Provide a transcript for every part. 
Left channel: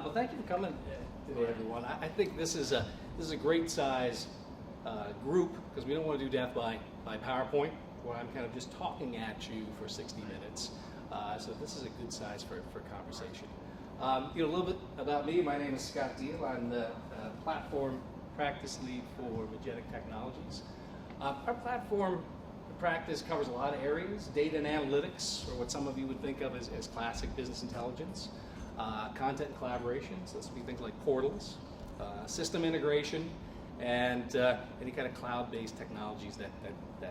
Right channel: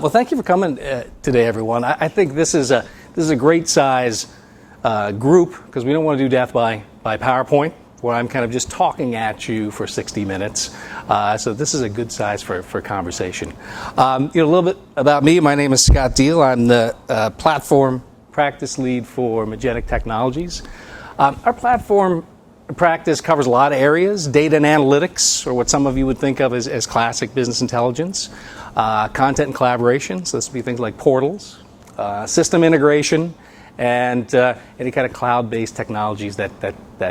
Well, thank you for coming today, everyone. I think this is a great size group because we don't want to do death by PowerPoint, where I'm kind of just talking at you for 60 minutes. So this is a good size for conversation. A little bit about me. My name is Scott Deal. I'm the platform practice lead for Magenic Technologies. Our platform practice covers a lot of areas: data and analytics, or what some of you would think of as classic business intelligence, content and collaboration, so this would be things like portals, system integration, and any kind of cloud-based technologies that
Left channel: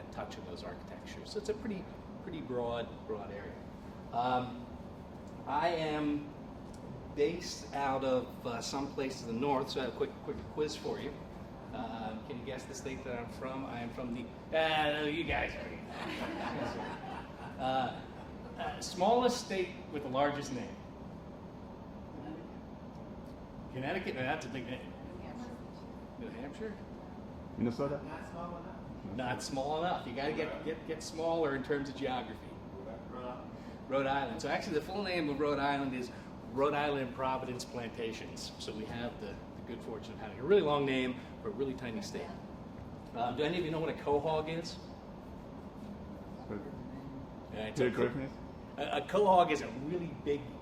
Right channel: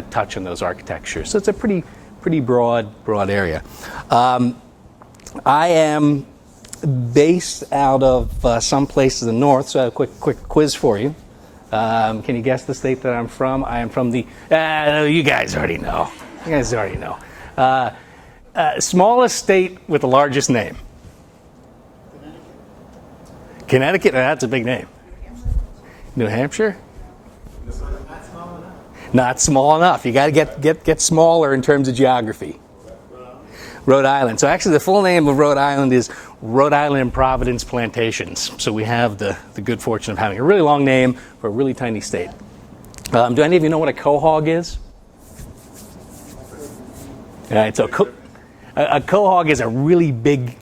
touch on those architectures. So it's a pretty broad area. I am based out of some place in the north, so I have a quick quiz for you. Can you guess the state that I'm from? I am from the, you guys already know. Smallest state with the largest name. Connecticut? That's a big name. New Hampshire? Minnesota? Not small enough. Not small enough. You got to get smaller in terms of geography. Rhode Island. So actually the full name of Rhode Island is Rhode Island and Providence Plantations. So we have the good fortune of having a really long name for a really tiny state. Do any of you know what a quahog is? All right, so a quahog is a really big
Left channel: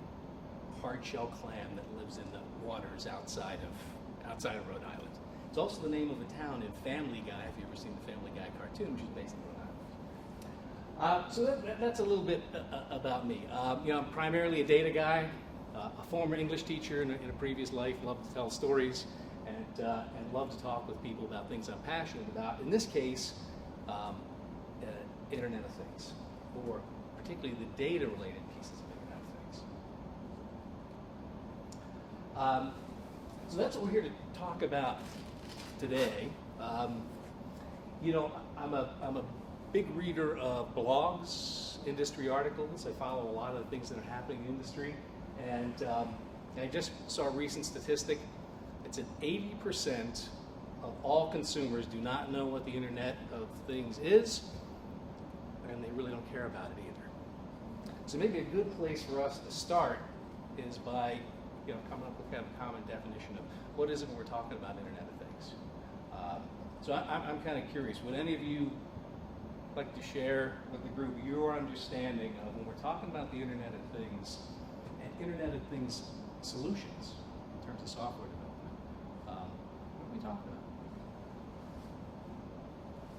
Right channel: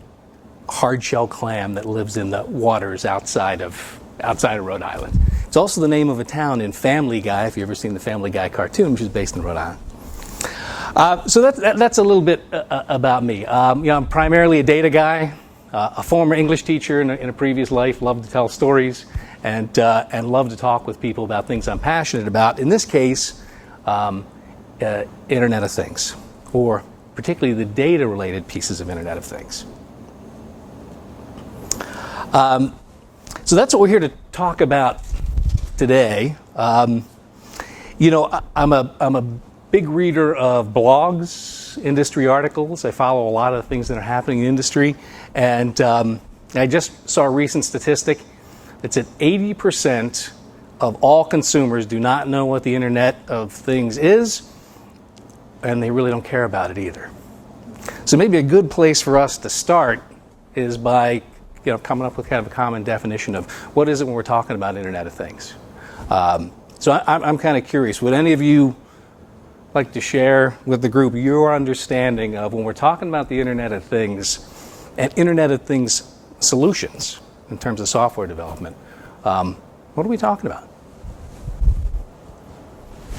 hard-shell clam that lives in the waters outside of Rhode Island. It's also the name of a town in Family Guy, if you've ever seen the Family Guy cartoon, which is based in Rhode Island. So that's a little bit about me. I'm primarily a data guy, a former English teacher in a previous life, love to tell stories, and love to talk with people about things I'm passionate about. In this case, Internet of Things, or particularly the data-related pieces of Internet of Things. So that's what we're here to talk about today. I'm a big reader of blogs, industry articles. I follow a lot of the things that are happening in the industry. And I just saw a recent statistic that said 80% of all consumers do not know what the Internet of Things is, and they really don't care about it either. So maybe a good place for us to start is by coming up with kind of a common definition of what is it when we're talking about Internet of Things. So I'm kind of curious, would any of you like to share with the group your understanding of when we're talking about the Internet of Things and Internet of Things solutions in terms of software development? What are we talking about?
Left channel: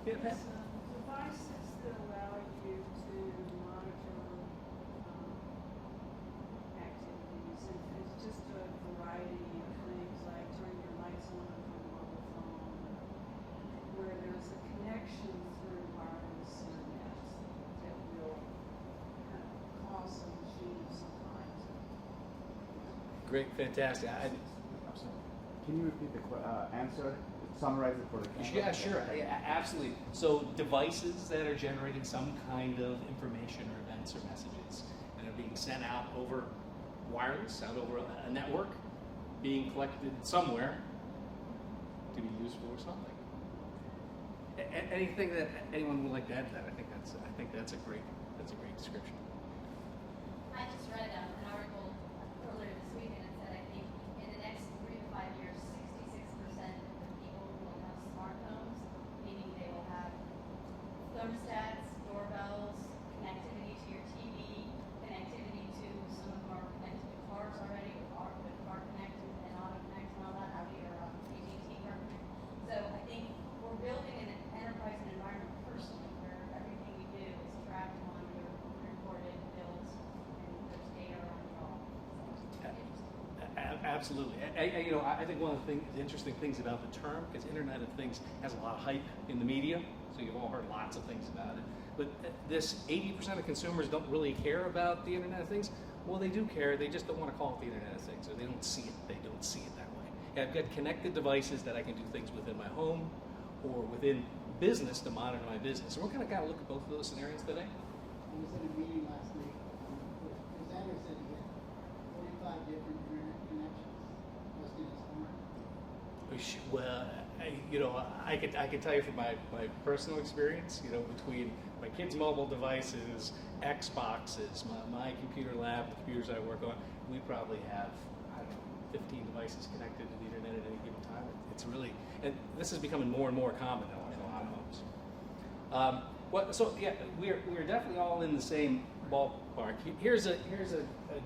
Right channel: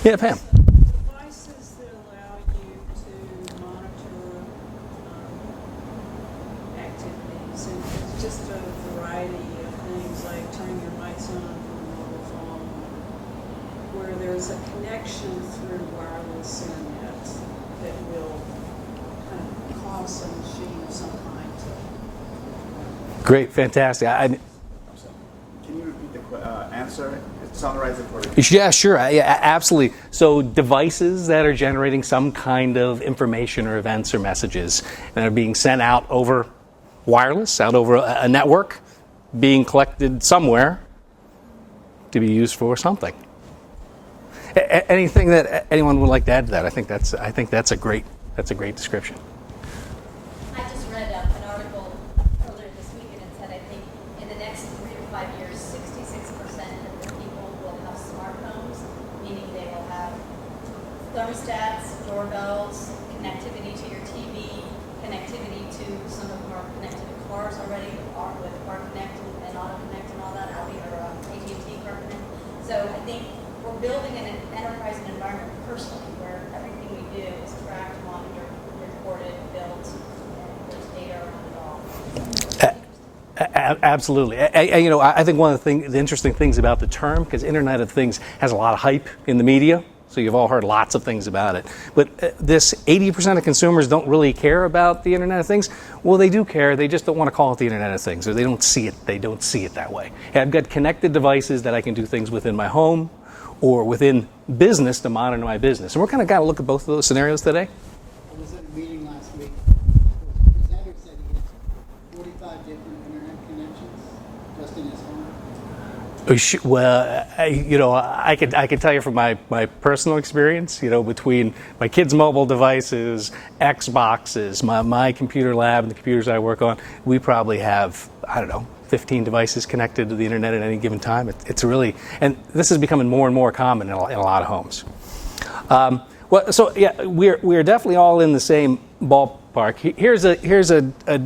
Yeah, Pam. Devices that allow you to monitor activities, and it's just a variety of things like turning your lights on from a mobile phone, where there's a connection through wireless internet that will kind of cause a machine of some kind to. Great, fantastic. Can you repeat the answer? Summarize it for me. Yeah, sure. Yeah, absolutely. So devices that are generating some kind of information or events or messages and are being sent out over wireless, out over a network, being collected somewhere to be used for something. Anything that anyone would like to add to that? I think that's a great description. I just read an article earlier this week, and it said, I think in the next 3 to 5 years, 66% of the people will have smart homes, meaning they will have thermostats, doorbells, connectivity to your TV, connectivity to some of our connected cars already with Car Connect and Auto Connect and all that, or AT&T Car Connect. So I think we're building an enterprise and environment personally where everything we do is tracked, monitored, recorded, built, and there's data around it all. Absolutely. I think one of the interesting things about the term, because Internet of Things has a lot of hype in the media, so you've all heard lots of things about it. But this 80% of consumers don't really care about the Internet of Things. Well, they do care. They just don't want to call it the Internet of Things, or they don't see it. They don't see it that way. I've got connected devices that I can do things within my home or within business to monitor my business. And we're kind of got to look at both of those scenarios today. I was at a meeting last week. Xavier said he had 45 different internet connections just in his home. Well, I could tell you from my personal experience, between my kids' mobile devices, Xboxes, my computer lab, and the computers I work on, we probably have, 15 devices connected to the internet at any given time. It's really, and this is becoming more and more common in a lot of homes. Well, so yeah, we're definitely all in the same ballpark. Here's a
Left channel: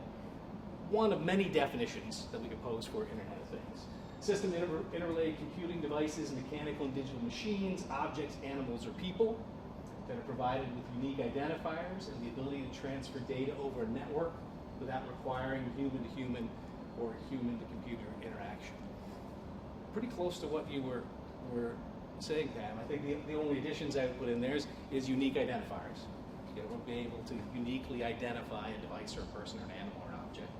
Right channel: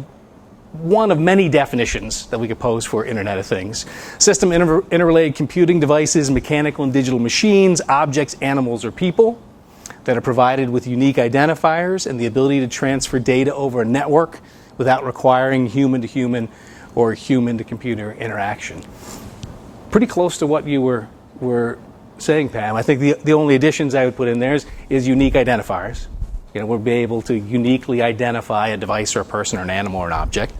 one of many definitions that we could pose for Internet of Things. System interrelated computing devices, mechanical and digital machines, objects, animals, or people that are provided with unique identifiers and the ability to transfer data over a network without requiring human-to-human or human-to-computer interaction. Pretty close to what you were saying, Pam. I think the only additions I would put in there is unique identifiers. We'll be able to uniquely identify a device or a person or an animal or an object.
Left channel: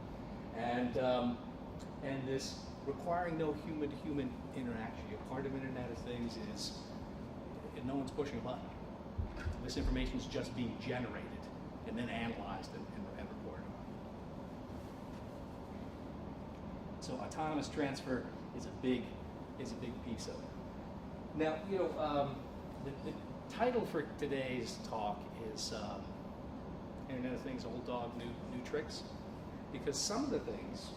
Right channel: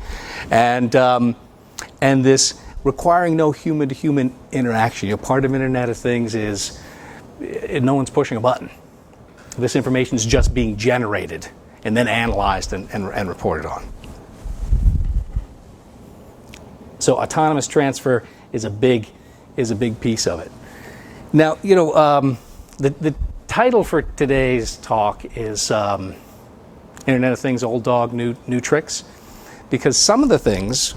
And this requiring no human-to-human interaction. Part of Internet of Things is no one's pushing a button. This information is just being generated and then analyzed and reported on. So autonomous transfer is a big piece of it. Now, the title for today's talk is Internet of Things, Old Dog, New Tricks, because some of the things,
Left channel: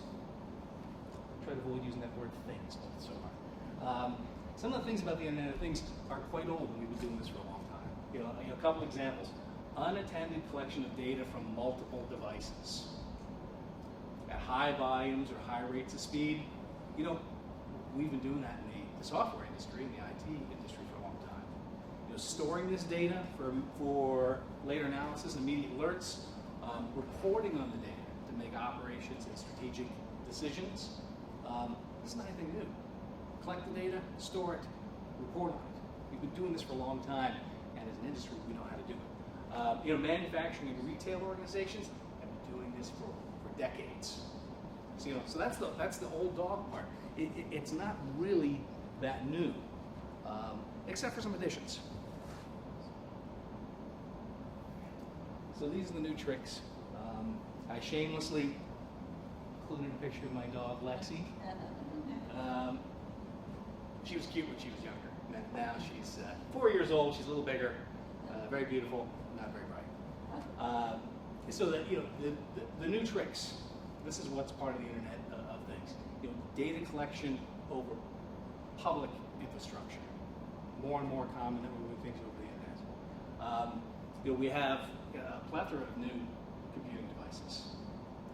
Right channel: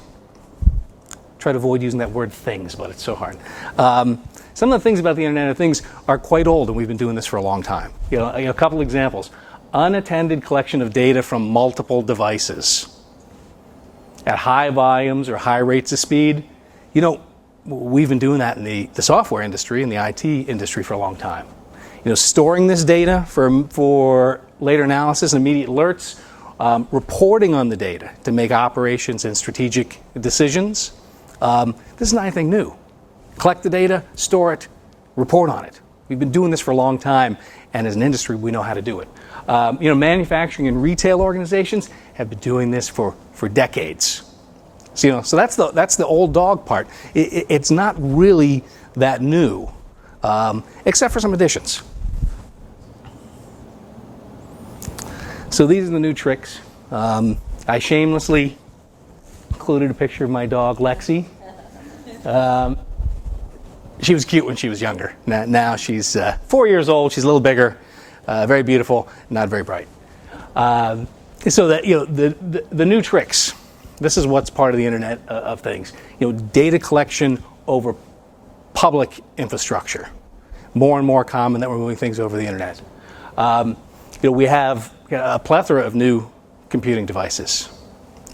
try to avoid using that word things, but it's so hard. Some of the things about the Internet of Things are quite old, and we've been doing this for a long time. A couple examples. Unattended collection of data from multiple devices at high volumes or high rates of speed. We've been doing that in the software industry and the IT industry for a long time. Storing this data for later analysis and immediate alerts, reporting on the data to make operations and strategic decisions. This is not anything new. Collect the data, store it, report on it. We've been doing this for a long time, and as an industry, we know how to do it. Manufacturing and retail organizations have been doing this for decades. So that's the old dog part. It's not really that new, except for some additions. So these are the new tricks. I shamelessly included a picture of my dog, Lexi. She was cute when she was younger. Now she's 4 years old. She's a little bigger, very beautiful, not very bright. So that the new tricks. This is what's part of the Internet of Things. Data collection over public infrastructure. More and more common that we're moving things over the internet. We have a plethora of new computing devices,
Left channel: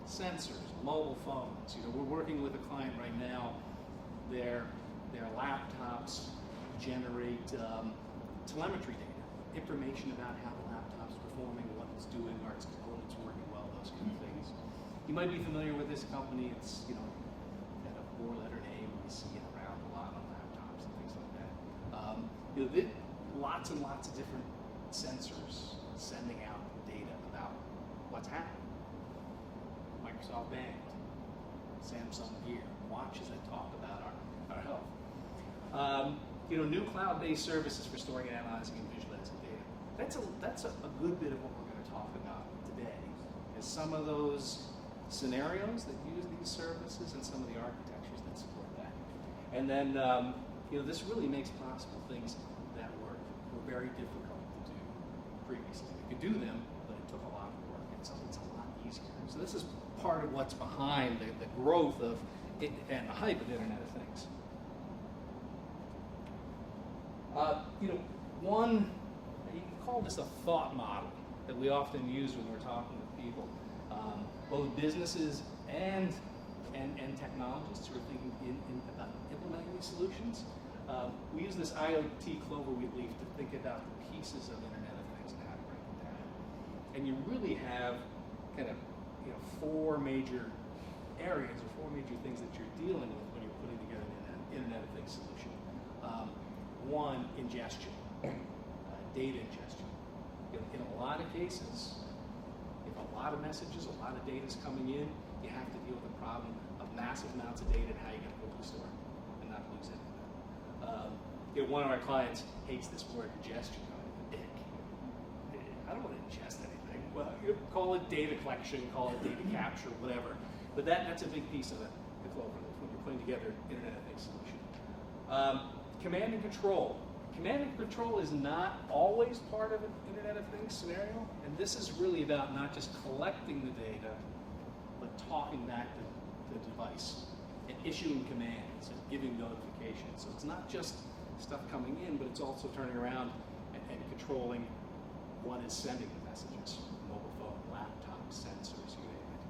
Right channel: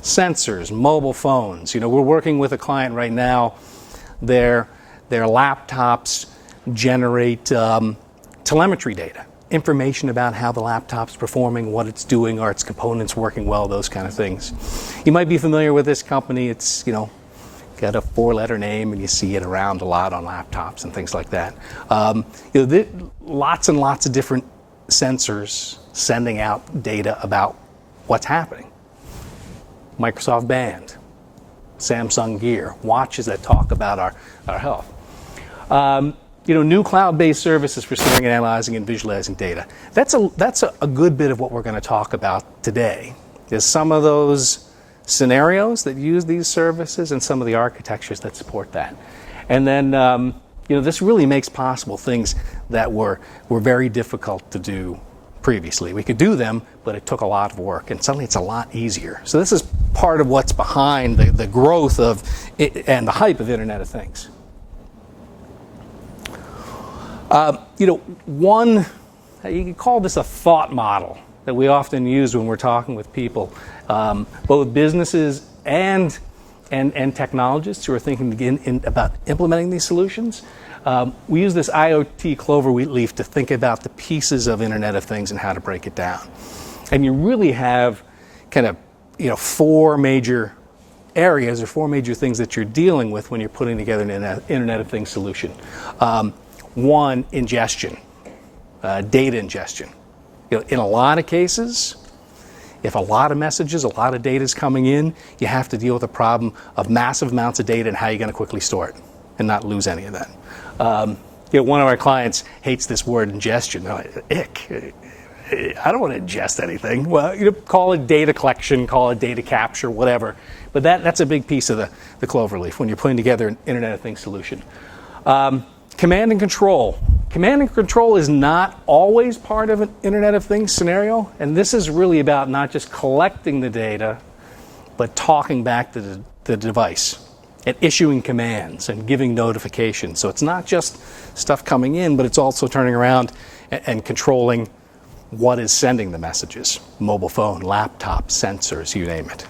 sensors, mobile phones. We're working with a client right now. Their laptops generate telemetry data, information about how the laptop's performing, what it's doing, are its components working well, those kind of things. You might be familiar with this company. It's got a 4-letter name, and you see it around a lot on laptops and things like that. Lots and lots of different sensors sending out data about what's happening. Microsoft Band, Samsung Gear, watches that talk about our health. New cloud-based services for storing and analyzing and visualizing data. That's a good bit of what we're going to talk about today. Is some of those scenarios that use these services and some of the architectures that support that. And then this really makes possible things that were very difficult to do previously. We could do them, but it took a lot of work, and suddenly it's a lot easier. So this is part of what's behind the growth of it and the hype of Internet of Things. You can call this a thought model that we often use when we're talking with people, both businesses and technologists who are thinking about implementing these solutions. We use this IoT cloverleaf to think about the pieces of Internet of Things and how to break it down. And you really have kind of 4 major areas or 4 major things that you're dealing with when you're putting together an Internet of Things solution. One, ingestion, data ingestion. In a lot of cases, if a lot of messages, a lot of data is coming in, you have to deal with the problem of massive amounts of data and how you're going to quickly store it and not lose any of that. One of our clients hates this word ingestion. They're like, ick. I don't want to ingest anything. Well, call it data collection, call it data capture, whatever. But that's a big piece of the cloverleaf when you're putting together an Internet of Things solution. Command and control. Command and control is not always part of an Internet of Things scenario, and this is really about not just collecting the data, but talking back to the device. and issuing commands and giving notifications. So it's not just stuff coming in, but it's also turning around and controlling what is sending the messages. Mobile phone, laptop, sensors, you name it.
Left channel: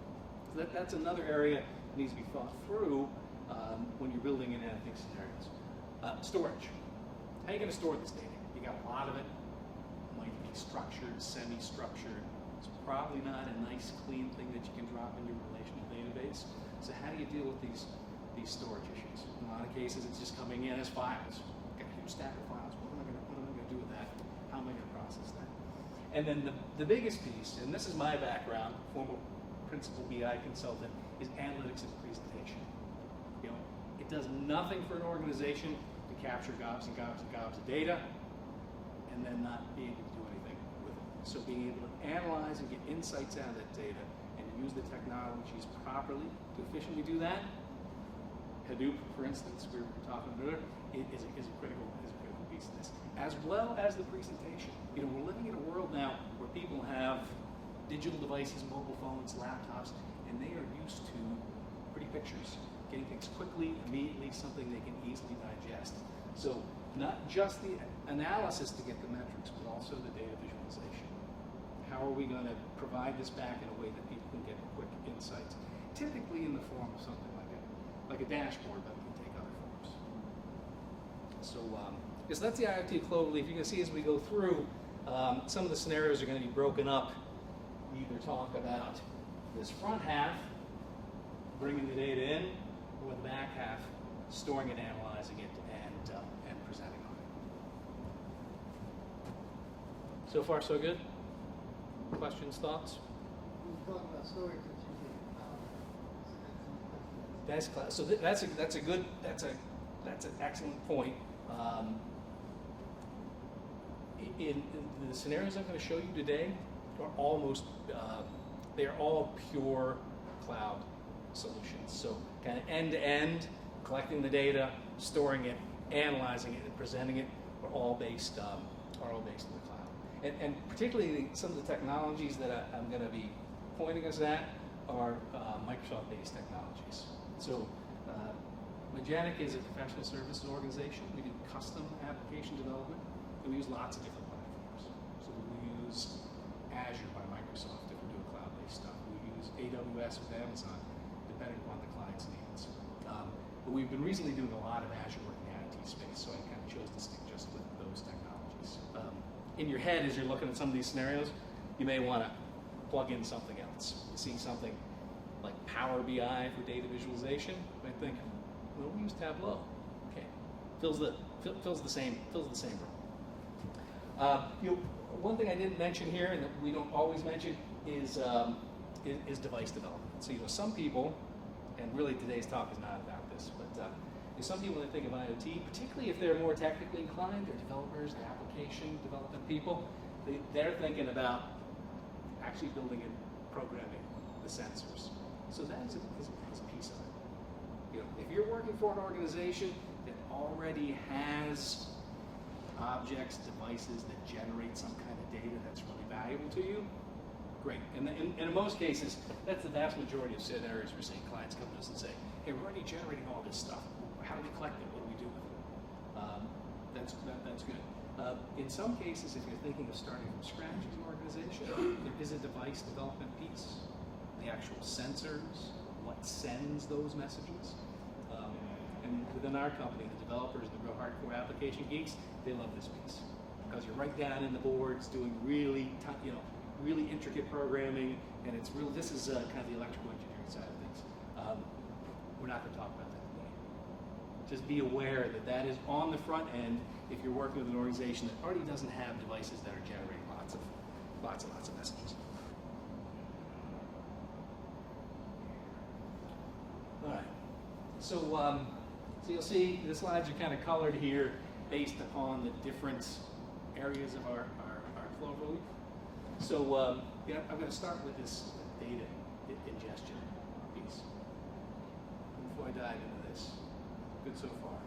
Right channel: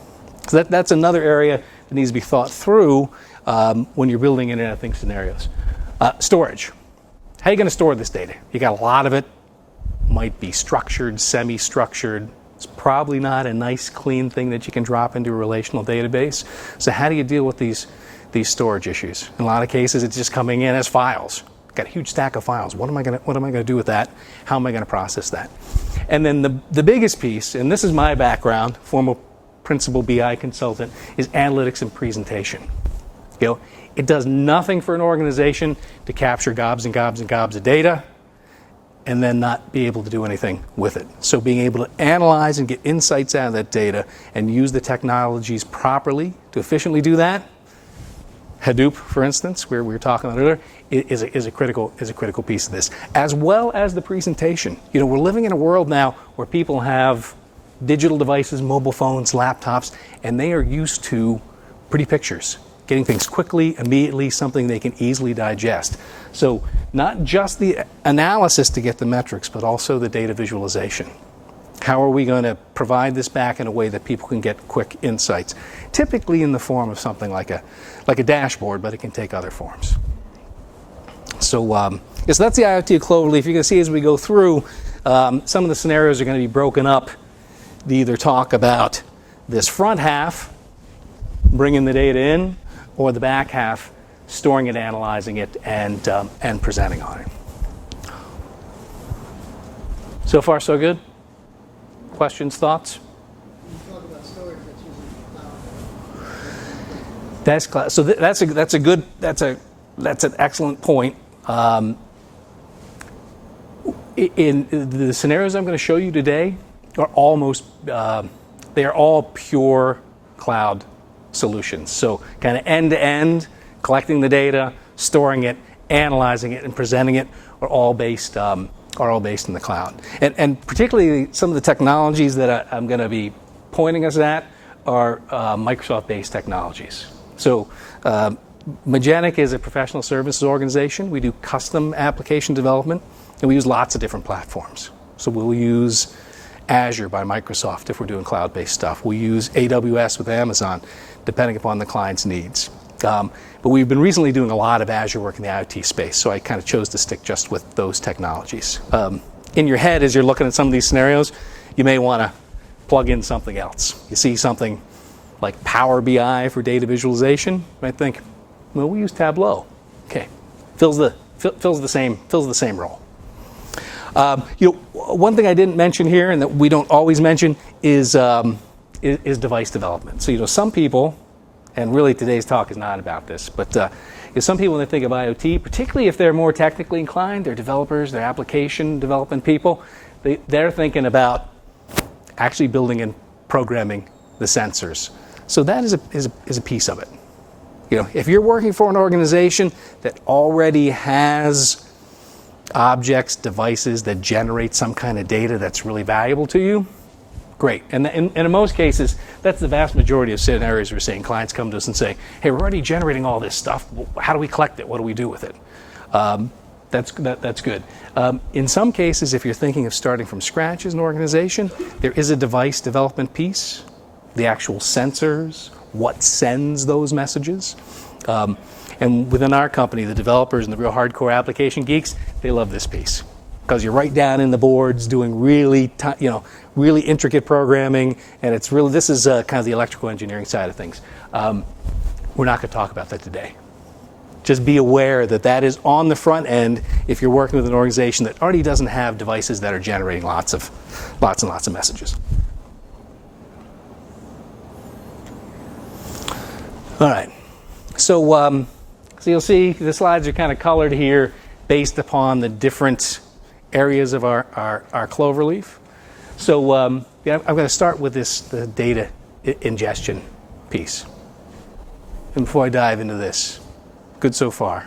So that's another area that needs to be thought through when you're building Internet of Things scenarios. Storage. How are you going to store this data? You got a lot of it. Might be structured, semi-structured. It's probably not a nice, clean thing that you can drop into a relational database. So how do you deal with these storage issues? In a lot of cases, it's just coming in as files. Got a huge stack of files. What am I going to do with that? How am I going to process that? And then the biggest piece, and this is my background, former principal BI consultant, is analytics and presentation. You know, it does nothing for an organization to capture gobs and gobs and gobs of data and then not be able to do anything with it. So being able to analyze and get insights out of that data and use the technologies properly to efficiently do that, Hadoop, for instance, where we were talking about earlier, is a critical piece of this, as well as the presentation. You know, we're living in a world now where people have digital devices, mobile phones, laptops, and they are used to pretty pictures, getting things quickly, immediately, something they can easily digest. So not just the analysis to get the metrics, but also the data visualization. How are we going to provide this back in a way that people can get quick insights? Typically in the form of something like a dashboard, but it can take other forms. So, so that's the IoT Cloverleaf. You can see as we go through, some of the scenarios are going to be broken up to either talk about this front half, bringing the data in, or the back half, storing it, analyzing it, and presenting on it. So far, so good? Questions, thoughts? You talk about storage that's using cloud. That's cloud. So that's an excellent point. In the scenarios I'm going to show you today are almost they are all pure cloud solutions. So kind of end to end, collecting the data, storing it, analyzing it, and presenting it are all based in the cloud. And particularly some of the technologies that I'm going to be pointing us at are Microsoft-based technologies. So Magenic is a professional services organization. We do custom application development, and we use lots of different platforms. So we'll use Azure by Microsoft if we're doing cloud-based stuff. We use AWS with Amazon, depending upon the client's needs. But we've been recently doing a lot of Azure work in the IoT space, so I kind of chose to stick just with those technologies. In your head, as you're looking at some of these scenarios, you may want to plug in something else. You see something like Power BI for data visualization, you might think, well, we use Tableau. Okay, fills the same role. One thing I didn't mention here, and that we don't always mention, is device development. So some people, and really today's talk is not about this, but some people, when they think of IoT, particularly if they're more technically inclined, they're developers, they're application development people, they're thinking about actually building and programming the sensors. So that is a piece of it. If you're working for an organization that already has objects, devices that generate some kind of data that's really valuable to you, great. And in most cases, that's the vast majority of scenarios we're seeing. Clients come to us and say, hey, we're already generating all this stuff. How do we collect it? What do we do with it? That's good. In some cases, if you're thinking of starting from scratch as an organization, there is a device development piece, the actual sensors, what sends those messages. And within our company, the developers and the real hardcore application geeks, they love this piece because you're right down in the boards doing really intricate programming, and this is kind of the electrical engineering side of things. We're not going to talk about that today. Just be aware that is on the front end if you're working with an organization that already doesn't have devices that are generating lots and lots of messages. All right. So you'll see the slides are kind of colored here based upon the different areas of our Cloverleaf. So I'm going to start with the data ingestion piece. And before I dive into this, good so far?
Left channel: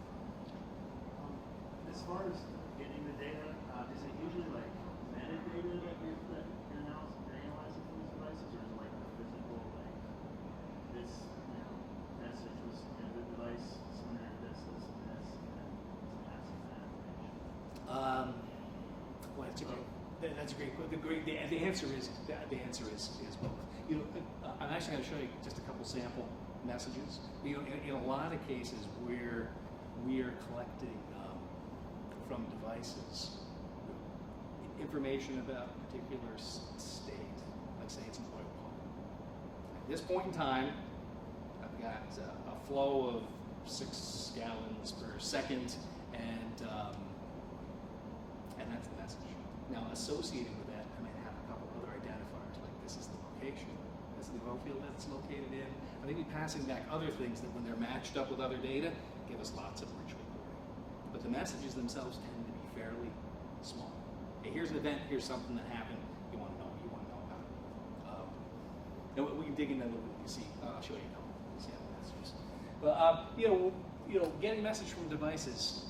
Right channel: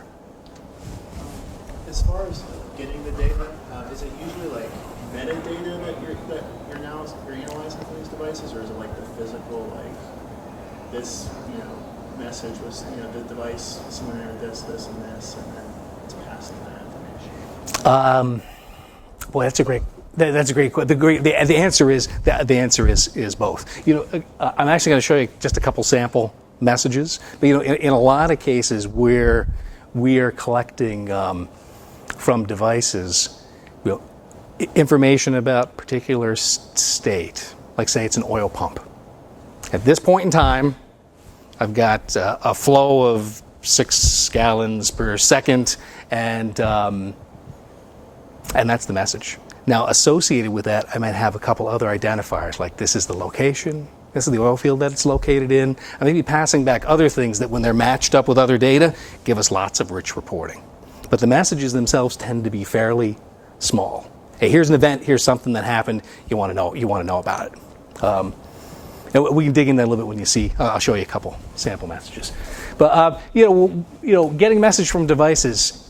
As far as getting the data, is it usually like metadata that you're analyzing for these devices, or is it like the physical, like this, message was, the device somewhere does this and this, and then it's passing that information? Boy, that's a great. That's a great question. The answer is both. I'm actually going to show you just a couple sample messages. But in a lot of cases where we are collecting from devices, information about particular state, like say it's an oil pump. At this point in time, I've got a flow of 6 gallons per second, and that's the message. Now, associated with that, I might have a couple other identifiers, like this is the location, this is the oil field that it's located in. I may be passing back other things that when they're matched up with other data, give us lots of rich reporting. But the messages themselves tend to be fairly small. Hey, here's an event, here's something that happened, you want to know about it. And we can dig in that a little bit when you see, I'll show you a couple sample messages. But, getting message from devices,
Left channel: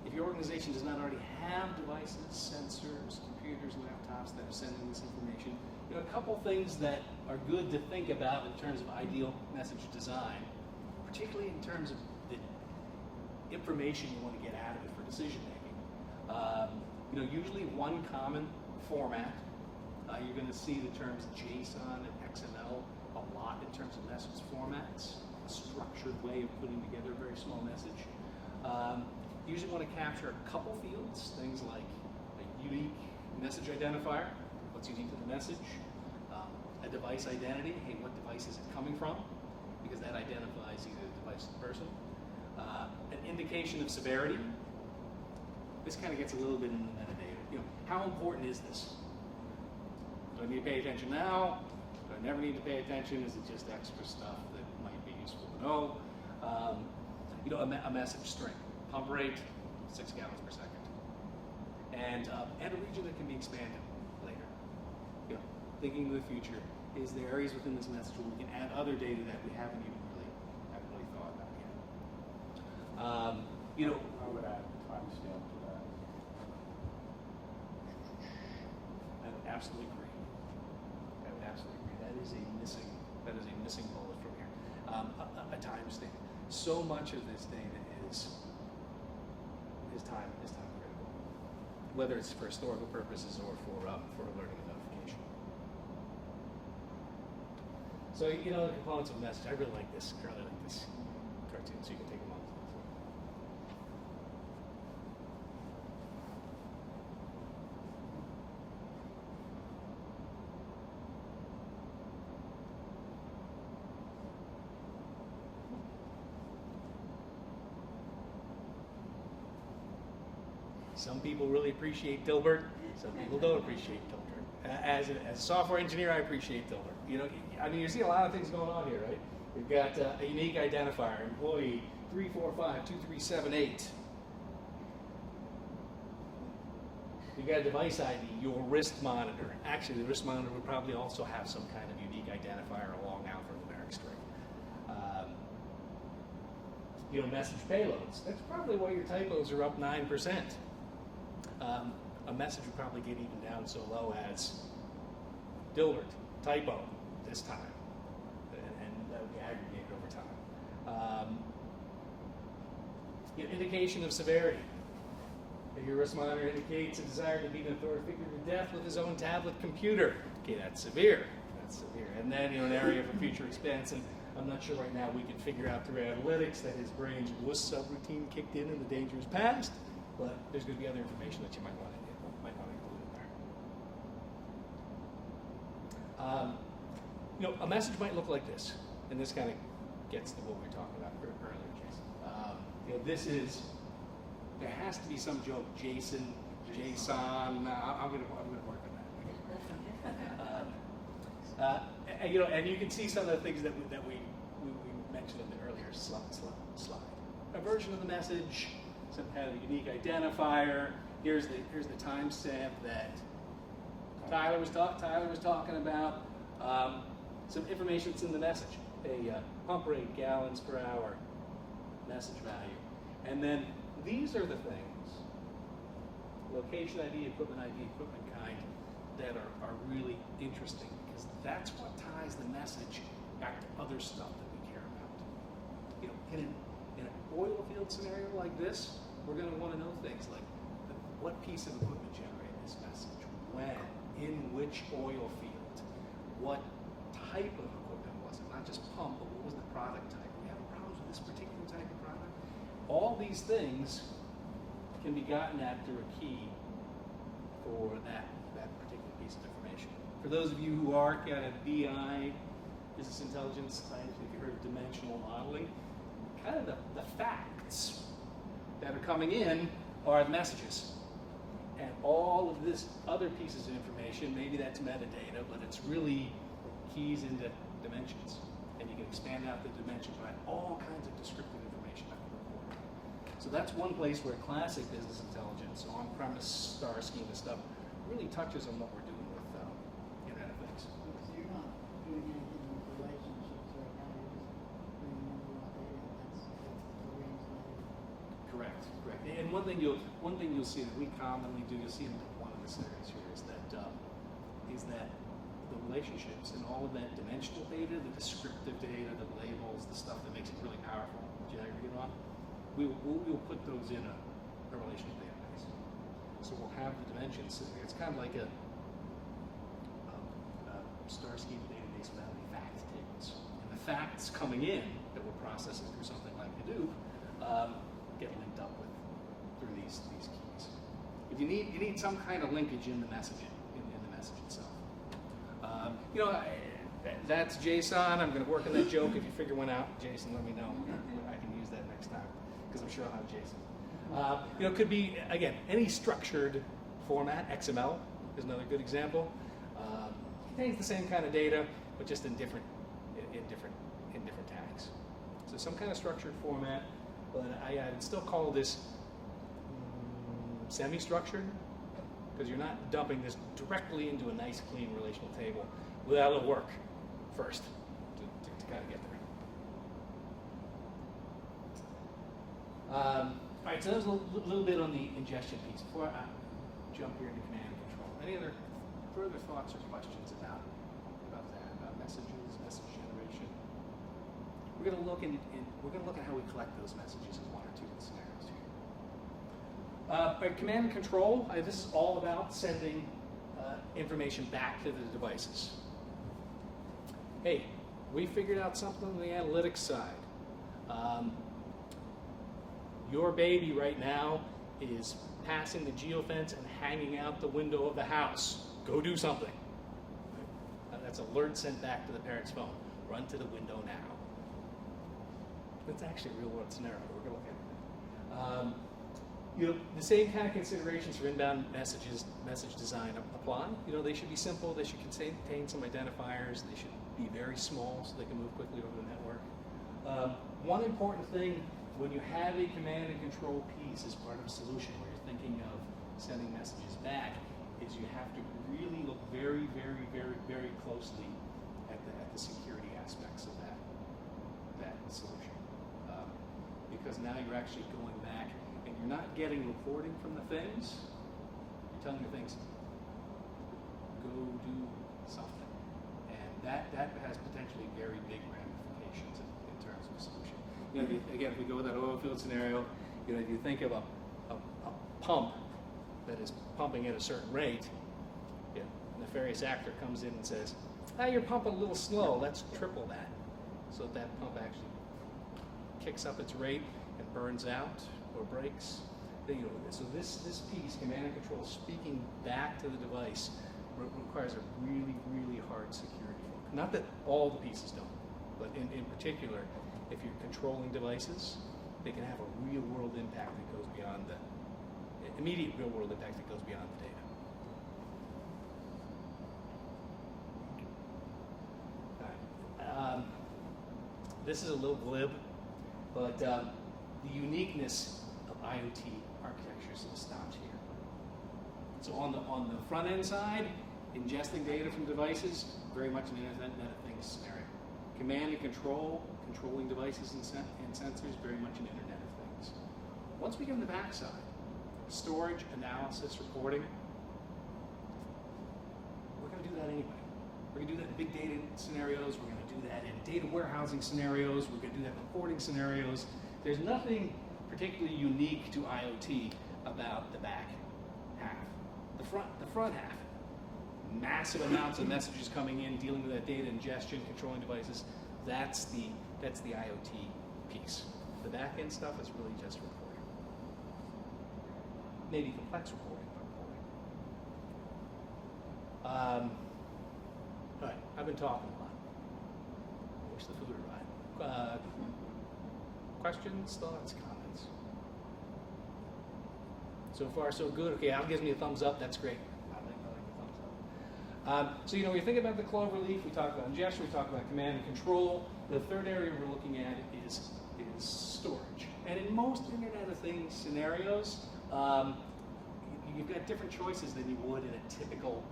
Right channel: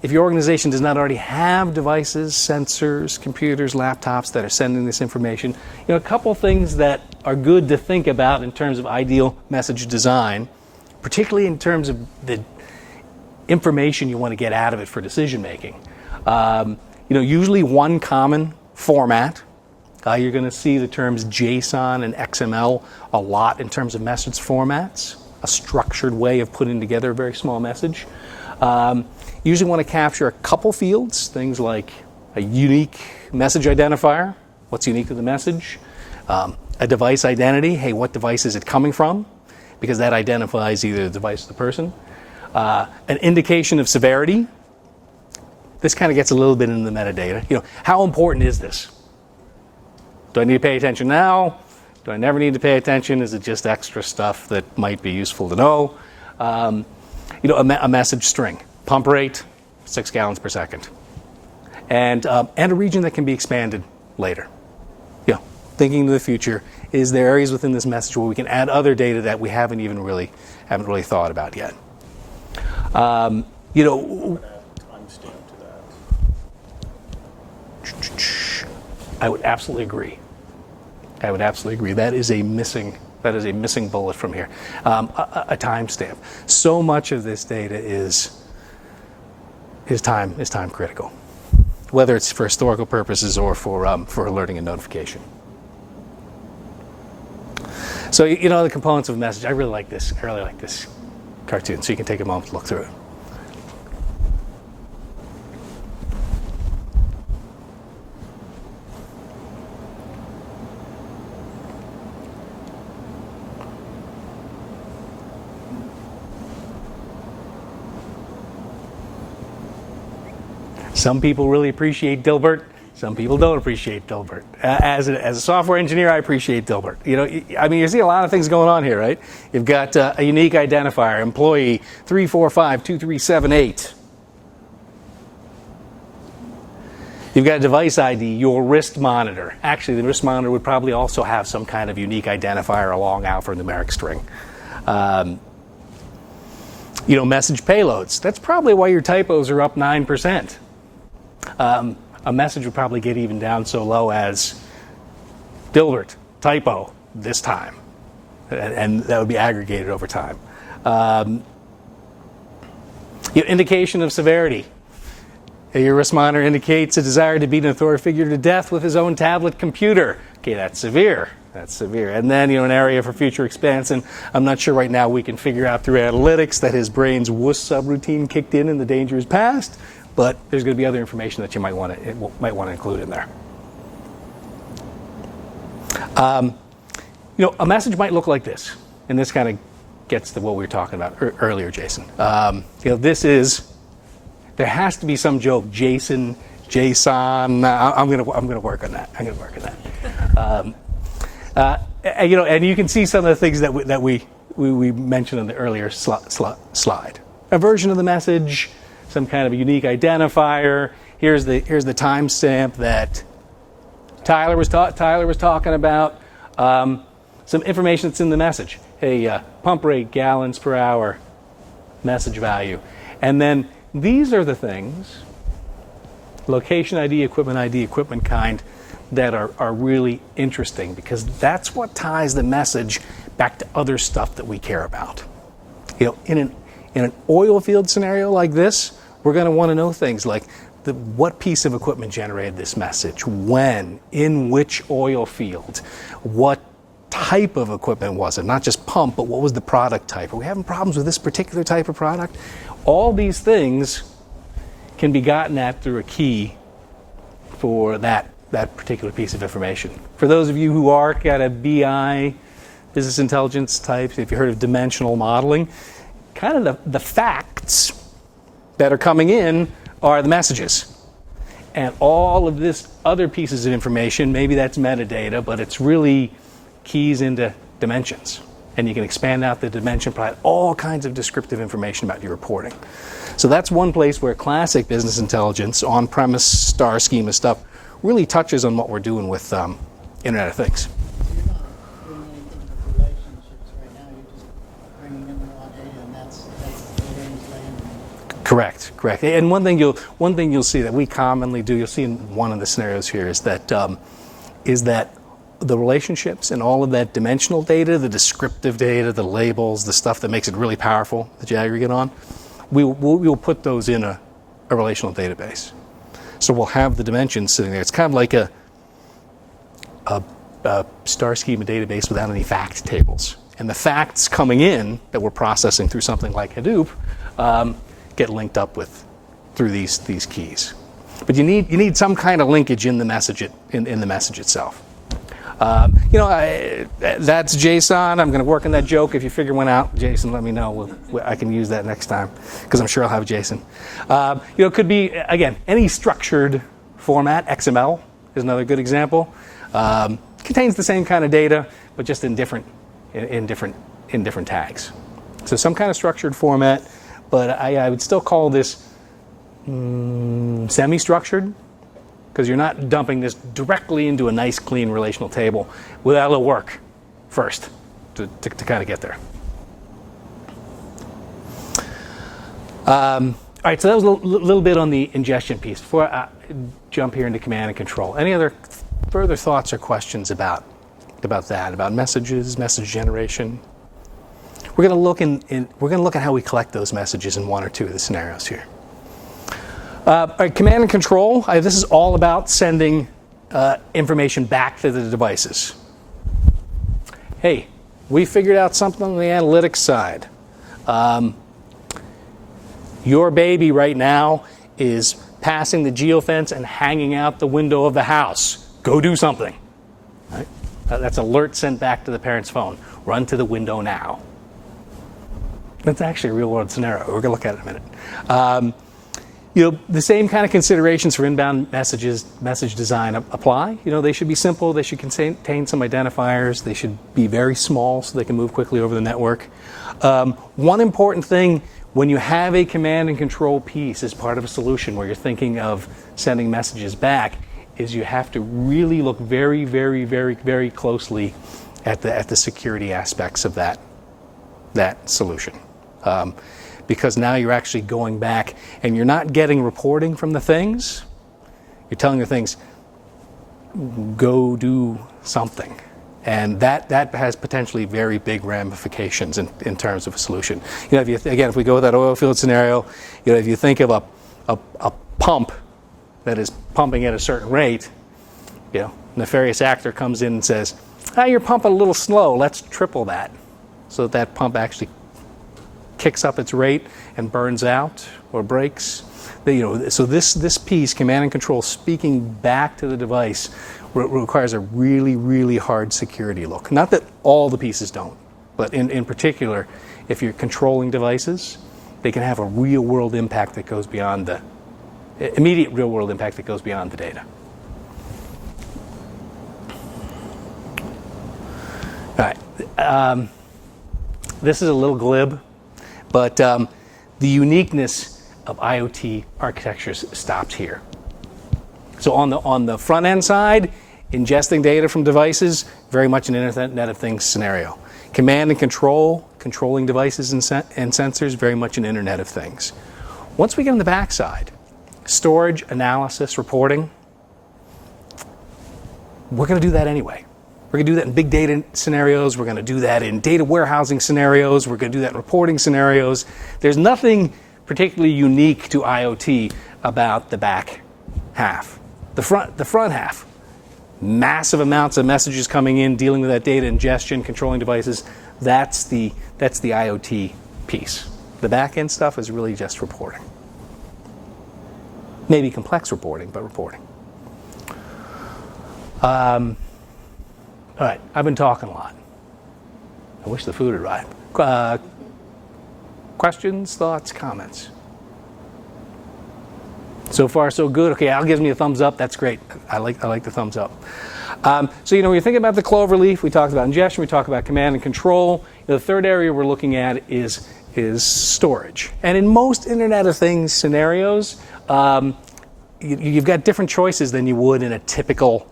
if your organization does not already have devices, sensors, computers, laptops that are sending this information, a couple things that are good to think about in terms of ideal message design, particularly in terms of the information you want to get out of it for decision making. Usually one common format. You're going to see the terms JSON and XML a lot in terms of message formats, a structured way of putting together a very small message. Usually want to capture a couple fields, things like a unique message identifier, what's unique to the message, a device identity, hey, what device is it coming from? Because that identifies either the device or the person. An indication of severity. This kind of gets a little bit into the metadata. How important is this? Do I need to pay attention now? Do I never need to pay attention? Is it just extra stuff that might be useful to know? A message string. Pump rate, 6 gallons per second. And a region that can be expanded later. Thinking to the future, is there areas within this message where we can add other data that we haven't really thought about yet? Timestamp to that. I would absolutely agree. That is a missing bullet from here. A timestamp. So much of this data is time critical, whether it's for historical purposes or for alerting and notification. So the components of a message. I really like this cartoon. So you can take a moment to look through it. Some people really appreciate Dilbert. Some people don't appreciate Dilbert. As a software engineer, I appreciate Dilbert. You see a lot of things going on here, right? You've got a unique identifier, employee 3452378. You've got a device ID, your wrist monitor. Actually, the wrist monitor would probably also have some kind of unique identifier, a long alphanumeric string. Message payloads. That's probably why your typos are up 9%. A message would probably get even down so low as Dilbert, typo, this time. And that would be aggregated over time. Indication of severity. Your wrist monitor indicates a desire to beat an authority figure to death with his own tablet computer. Okay, that's severe. And then, an area for future expansion. I'm not sure right now we can figure out through analytics that his brain's wuss subroutine kicked in and the danger is past. But there's going to be other information that you might want to include in there. A message might look like this, and this kind of gets to what we were talking about earlier, Jason. There has to be some joke, JSON. I'm going to work on that. And you can see some of the things that we mentioned in the earlier slide. A version of the message. Some kind of a unique identifier. Here's the timestamp that Tyler was talking about. Some information that's in the message. Hey, pump rate, gallons per hour, message value. And then these are the things, location ID, equipment kind, that are really interesting, because that's what ties the message back to other stuff that we care about. You know, in an oil field scenario like this, we're going to want to know things like what piece of equipment generated this message, when, in which oil field, what type of equipment was it, not just pump, but what was the product type? Are we having problems with this particular type of product? All these things can be gotten at through a key for that particular piece of information. For those of you who are kind of BI, business intelligence types, if you heard of dimensional modeling, kind of the facts that are coming in are the messages. And all of this other pieces of information, maybe that's metadata, but it's really keys into dimensions. And you can expand out the dimension, provide all kinds of descriptive information about your reporting. So that's one place where classic business intelligence, on-premise star schema stuff, really touches on what we're doing with Internet of Things. So you're not doing anything with relationships right now, you're just bringing in raw data, and that's the game's land. Correct. And one thing you'll see that we commonly do, you'll see in one of the scenarios here, is that the relationships and all of that dimensional data, the descriptive data, the labels, the stuff that makes it really powerful that you aggregate on, we'll put those in a relational database. So we'll have the dimensions sitting there. It's kind of like a star schema database without any fact tables. And the facts coming in that we're processing through something like Hadoop get linked up through these keys. But you need some kind of linkage in the message in the message itself. That's JSON. I'm going to work on that joke. If you figure one out, Jason, let me know. I can use that next time, because I'm sure I'll have Jason. It could be, again, any structured format. XML is another good example. Contains the same kind of data, but just in different tags. So some kind of structured format, but I would still call this semi-structured, because you're not dumping this directly into a nice, clean relational table without a little work first to kind of get there. All right, so that was a little bit on the ingestion piece. Before I jump here into command and control, any other further thoughts or questions about that, about messages, message generation? We're going to look at how we collect those messages in one or two of the scenarios here. All right, command and control. This is all about sending information back to the devices. Hey, we figured out something on the analytics side. Your baby right now is passing the geofence and hanging out the window of the house. Go do something. Right? That's alert sent back to the parent's phone. Run to the window now. That's actually a real-world scenario. We're going to look at it in a minute. The same kind of considerations for inbound message design apply. They should be simple. They should contain some identifiers. They should be very small so they can move quickly over the network. One important thing when you have a command and control piece as part of a solution where you're thinking of sending messages back is you have to really look very, very, very, very closely at the security aspects of that solution. Because now you're actually going back and you're not getting reporting from the things. You're telling the things, go do something. And that has potentially very big ramifications in terms of a solution. If we go with that oil field scenario, if you think of a pump that is pumping at a certain rate, nefarious actor comes in and says, you're pumping a little slow, let's triple that. So that pump actually kicks up its rate and burns out or breaks. So this piece, command and control, speaking back to the device, requires a really, really hard security look. Not that all the pieces don't, but in particular, if you're controlling devices, they can have a real-world impact that goes beyond the immediate real-world impact that goes beyond the data. All right. This is a little glib, but the uniqueness of IoT architectures stops here. So on the front end side, ingesting data from devices, very much an Internet of Things scenario. Command and control, controlling devices and sensors, very much an Internet of Things. Once we get on the back side, storage, analysis, reporting, we're going to do that anyway. We're going to do that in big data scenarios. We're going to do that in data warehousing scenarios. We're going to do that in reporting scenarios. There's nothing particularly unique to IoT about the back half. The front half, massive amounts of messages coming in, dealing with that data ingestion, controlling devices. That's the IoT piece. The back end stuff is really just reporting. Maybe complex reporting, but reporting. All right, I've been talking a lot. I wish the food had arrived. Questions, thoughts, comments? So far, so good. Okay, Al gives me a thumbs up. That's great. I like the thumbs up. So when you're thinking about the cloverleaf, we talked about ingestion, we talked about command and control. The third area we're looking at is storage. And in most Internet of Things scenarios, you've got different choices than you would in a typical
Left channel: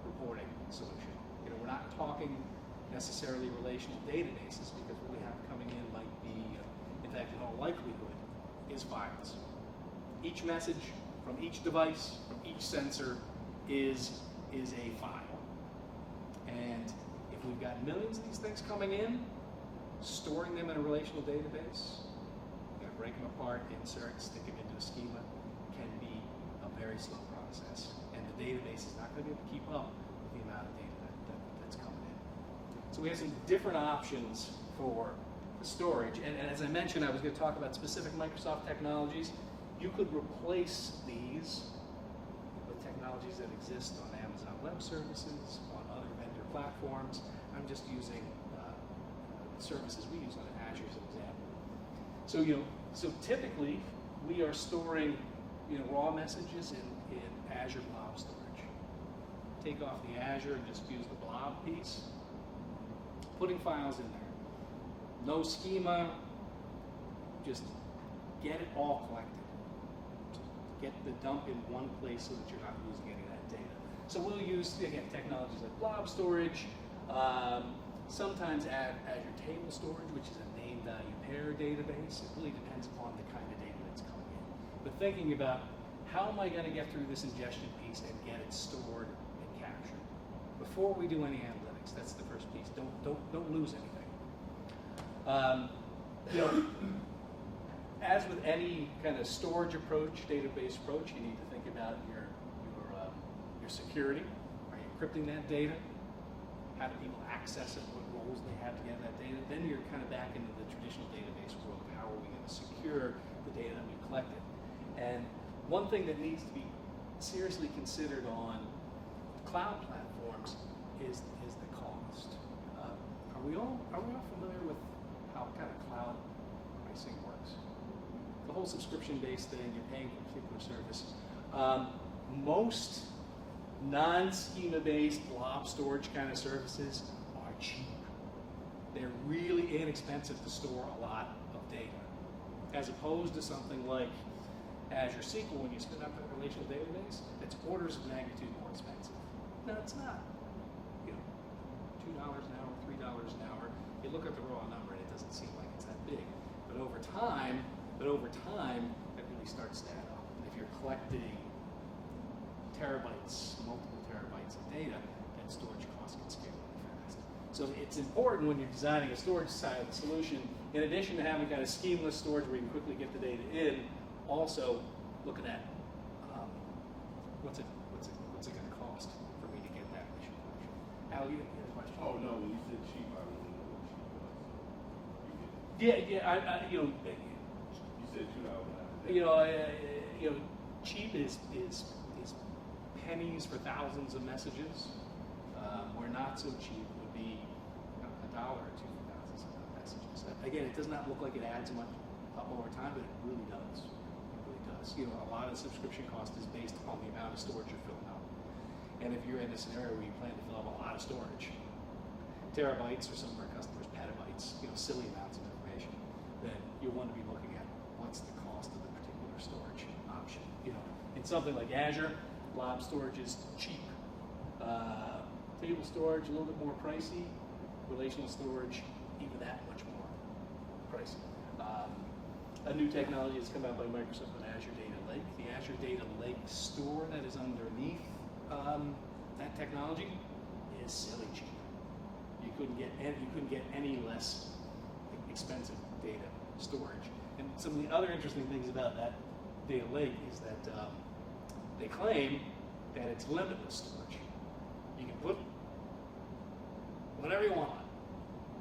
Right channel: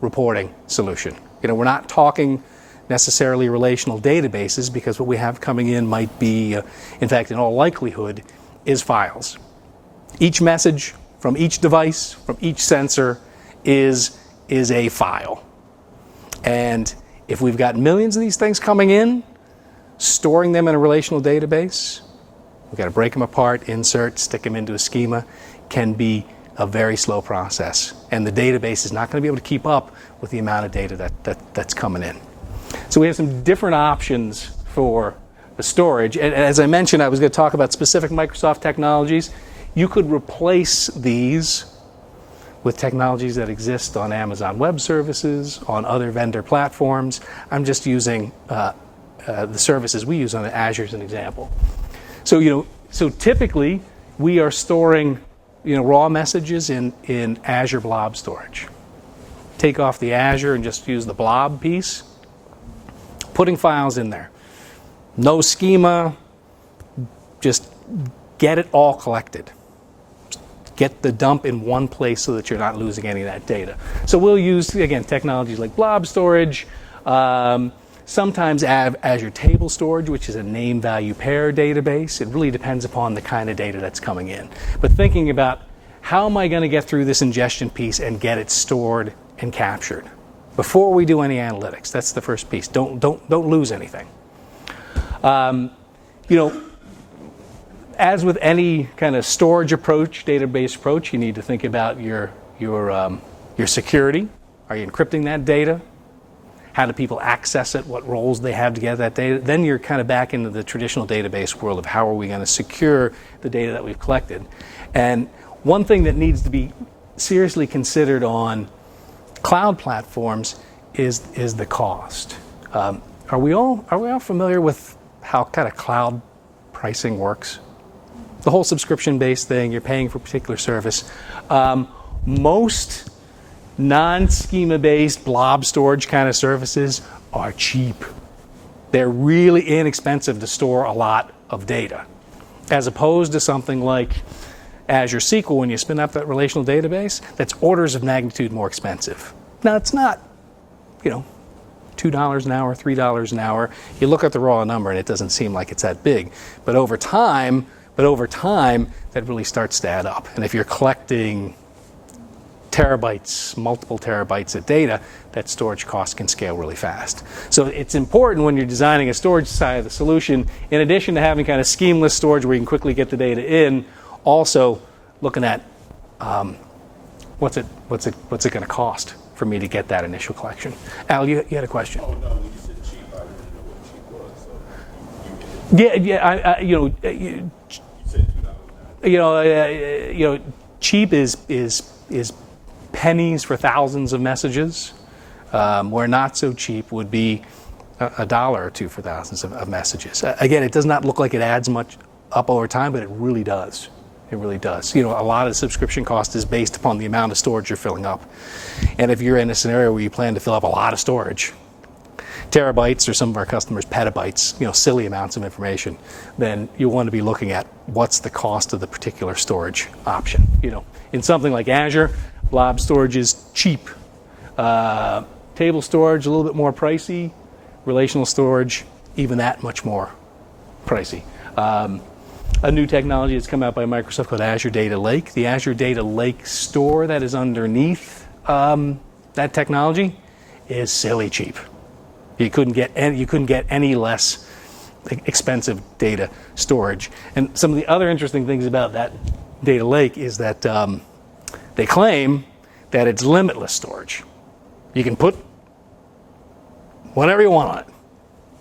reporting solution. We're not talking necessarily relational databases, because what we have coming in might be, in fact, in all likelihood, is files. Each message from each device, from each sensor, is a file. And if we've got millions of these things coming in, storing them in a relational database, we've got to break them apart, insert, stick them into a schema, can be a very slow process. And the database is not going to be able to keep up with the amount of data that's coming in. So we have some different options for the storage. And as I mentioned, I was going to talk about specific Microsoft technologies. You could replace these with technologies that exist on Amazon Web Services, on other vendor platforms. I'm just using the services we use on Azure as an example. So typically we are storing raw messages in Azure Blob Storage. Take off the Azure and just use the Blob piece. Putting files in there. No schema, just get it all collected. Get the dump in one place so that you're not losing any of that data. So we'll use, again, technologies like Blob Storage, sometimes Azure Table Storage, which is a name value pair database. It really depends upon the kind of data that's coming in. But thinking about how am I going to get through this ingestion piece and get it stored and captured before we do any analytics. That's the first piece. Don't lose anything. As with any kind of storage approach, database approach, you need to think about your security. Are you encrypting that data? How do people access it? What roles they have to get that data? Then you're kind of back into the traditional database world of how are we going to secure the data that we've collected. And one thing that needs to be seriously considered on cloud platforms is the cost. Are we all familiar with how kind of cloud pricing works? The whole subscription-based thing, you're paying for a particular service. Most non-schema-based blob storage kind of services are cheap. They're really inexpensive to store a lot of data, as opposed to something like Azure SQL. When you spin up that relational database, that's orders of magnitude more expensive. Now, it's not, $2 an hour, $3 an hour. You look at the raw number and it doesn't seem like it's that big. But over time, that really starts to add up. And if you're collecting terabytes, multiple terabytes of data, that storage cost can scale really fast. So it's important when you're designing a storage side of the solution, in addition to having kind of schemeless storage where you can quickly get the data in, also looking at what's it going to cost for me to get that initial collection. Al, you had a question. Oh, no, when you said cheap, I didn't know what cheap was. So you said $2 now. Cheap is pennies for thousands of messages, where not so cheap would be $1 or $2 for thousands of messages. Again, it does not look like it adds much up over time, but it really does. It really does. A lot of the subscription cost is based upon the amount of storage you're filling up. And if you're in a scenario where you plan to fill up a lot of storage, terabytes, or some of our customers petabytes, silly amounts of information, then you want to be looking at what's the cost of the particular storage option. In something like Azure, Blob Storage is cheap. Table storage, a little bit more pricey. Relational storage, even that much more pricey. A new technology that's come out by Microsoft called Azure Data Lake. The Azure Data Lake store that is underneath that technology is silly cheap. You couldn't get any less expensive data storage. And some of the other interesting things about that data lake is that they claim that it's limitless storage. You can put whatever you want on it.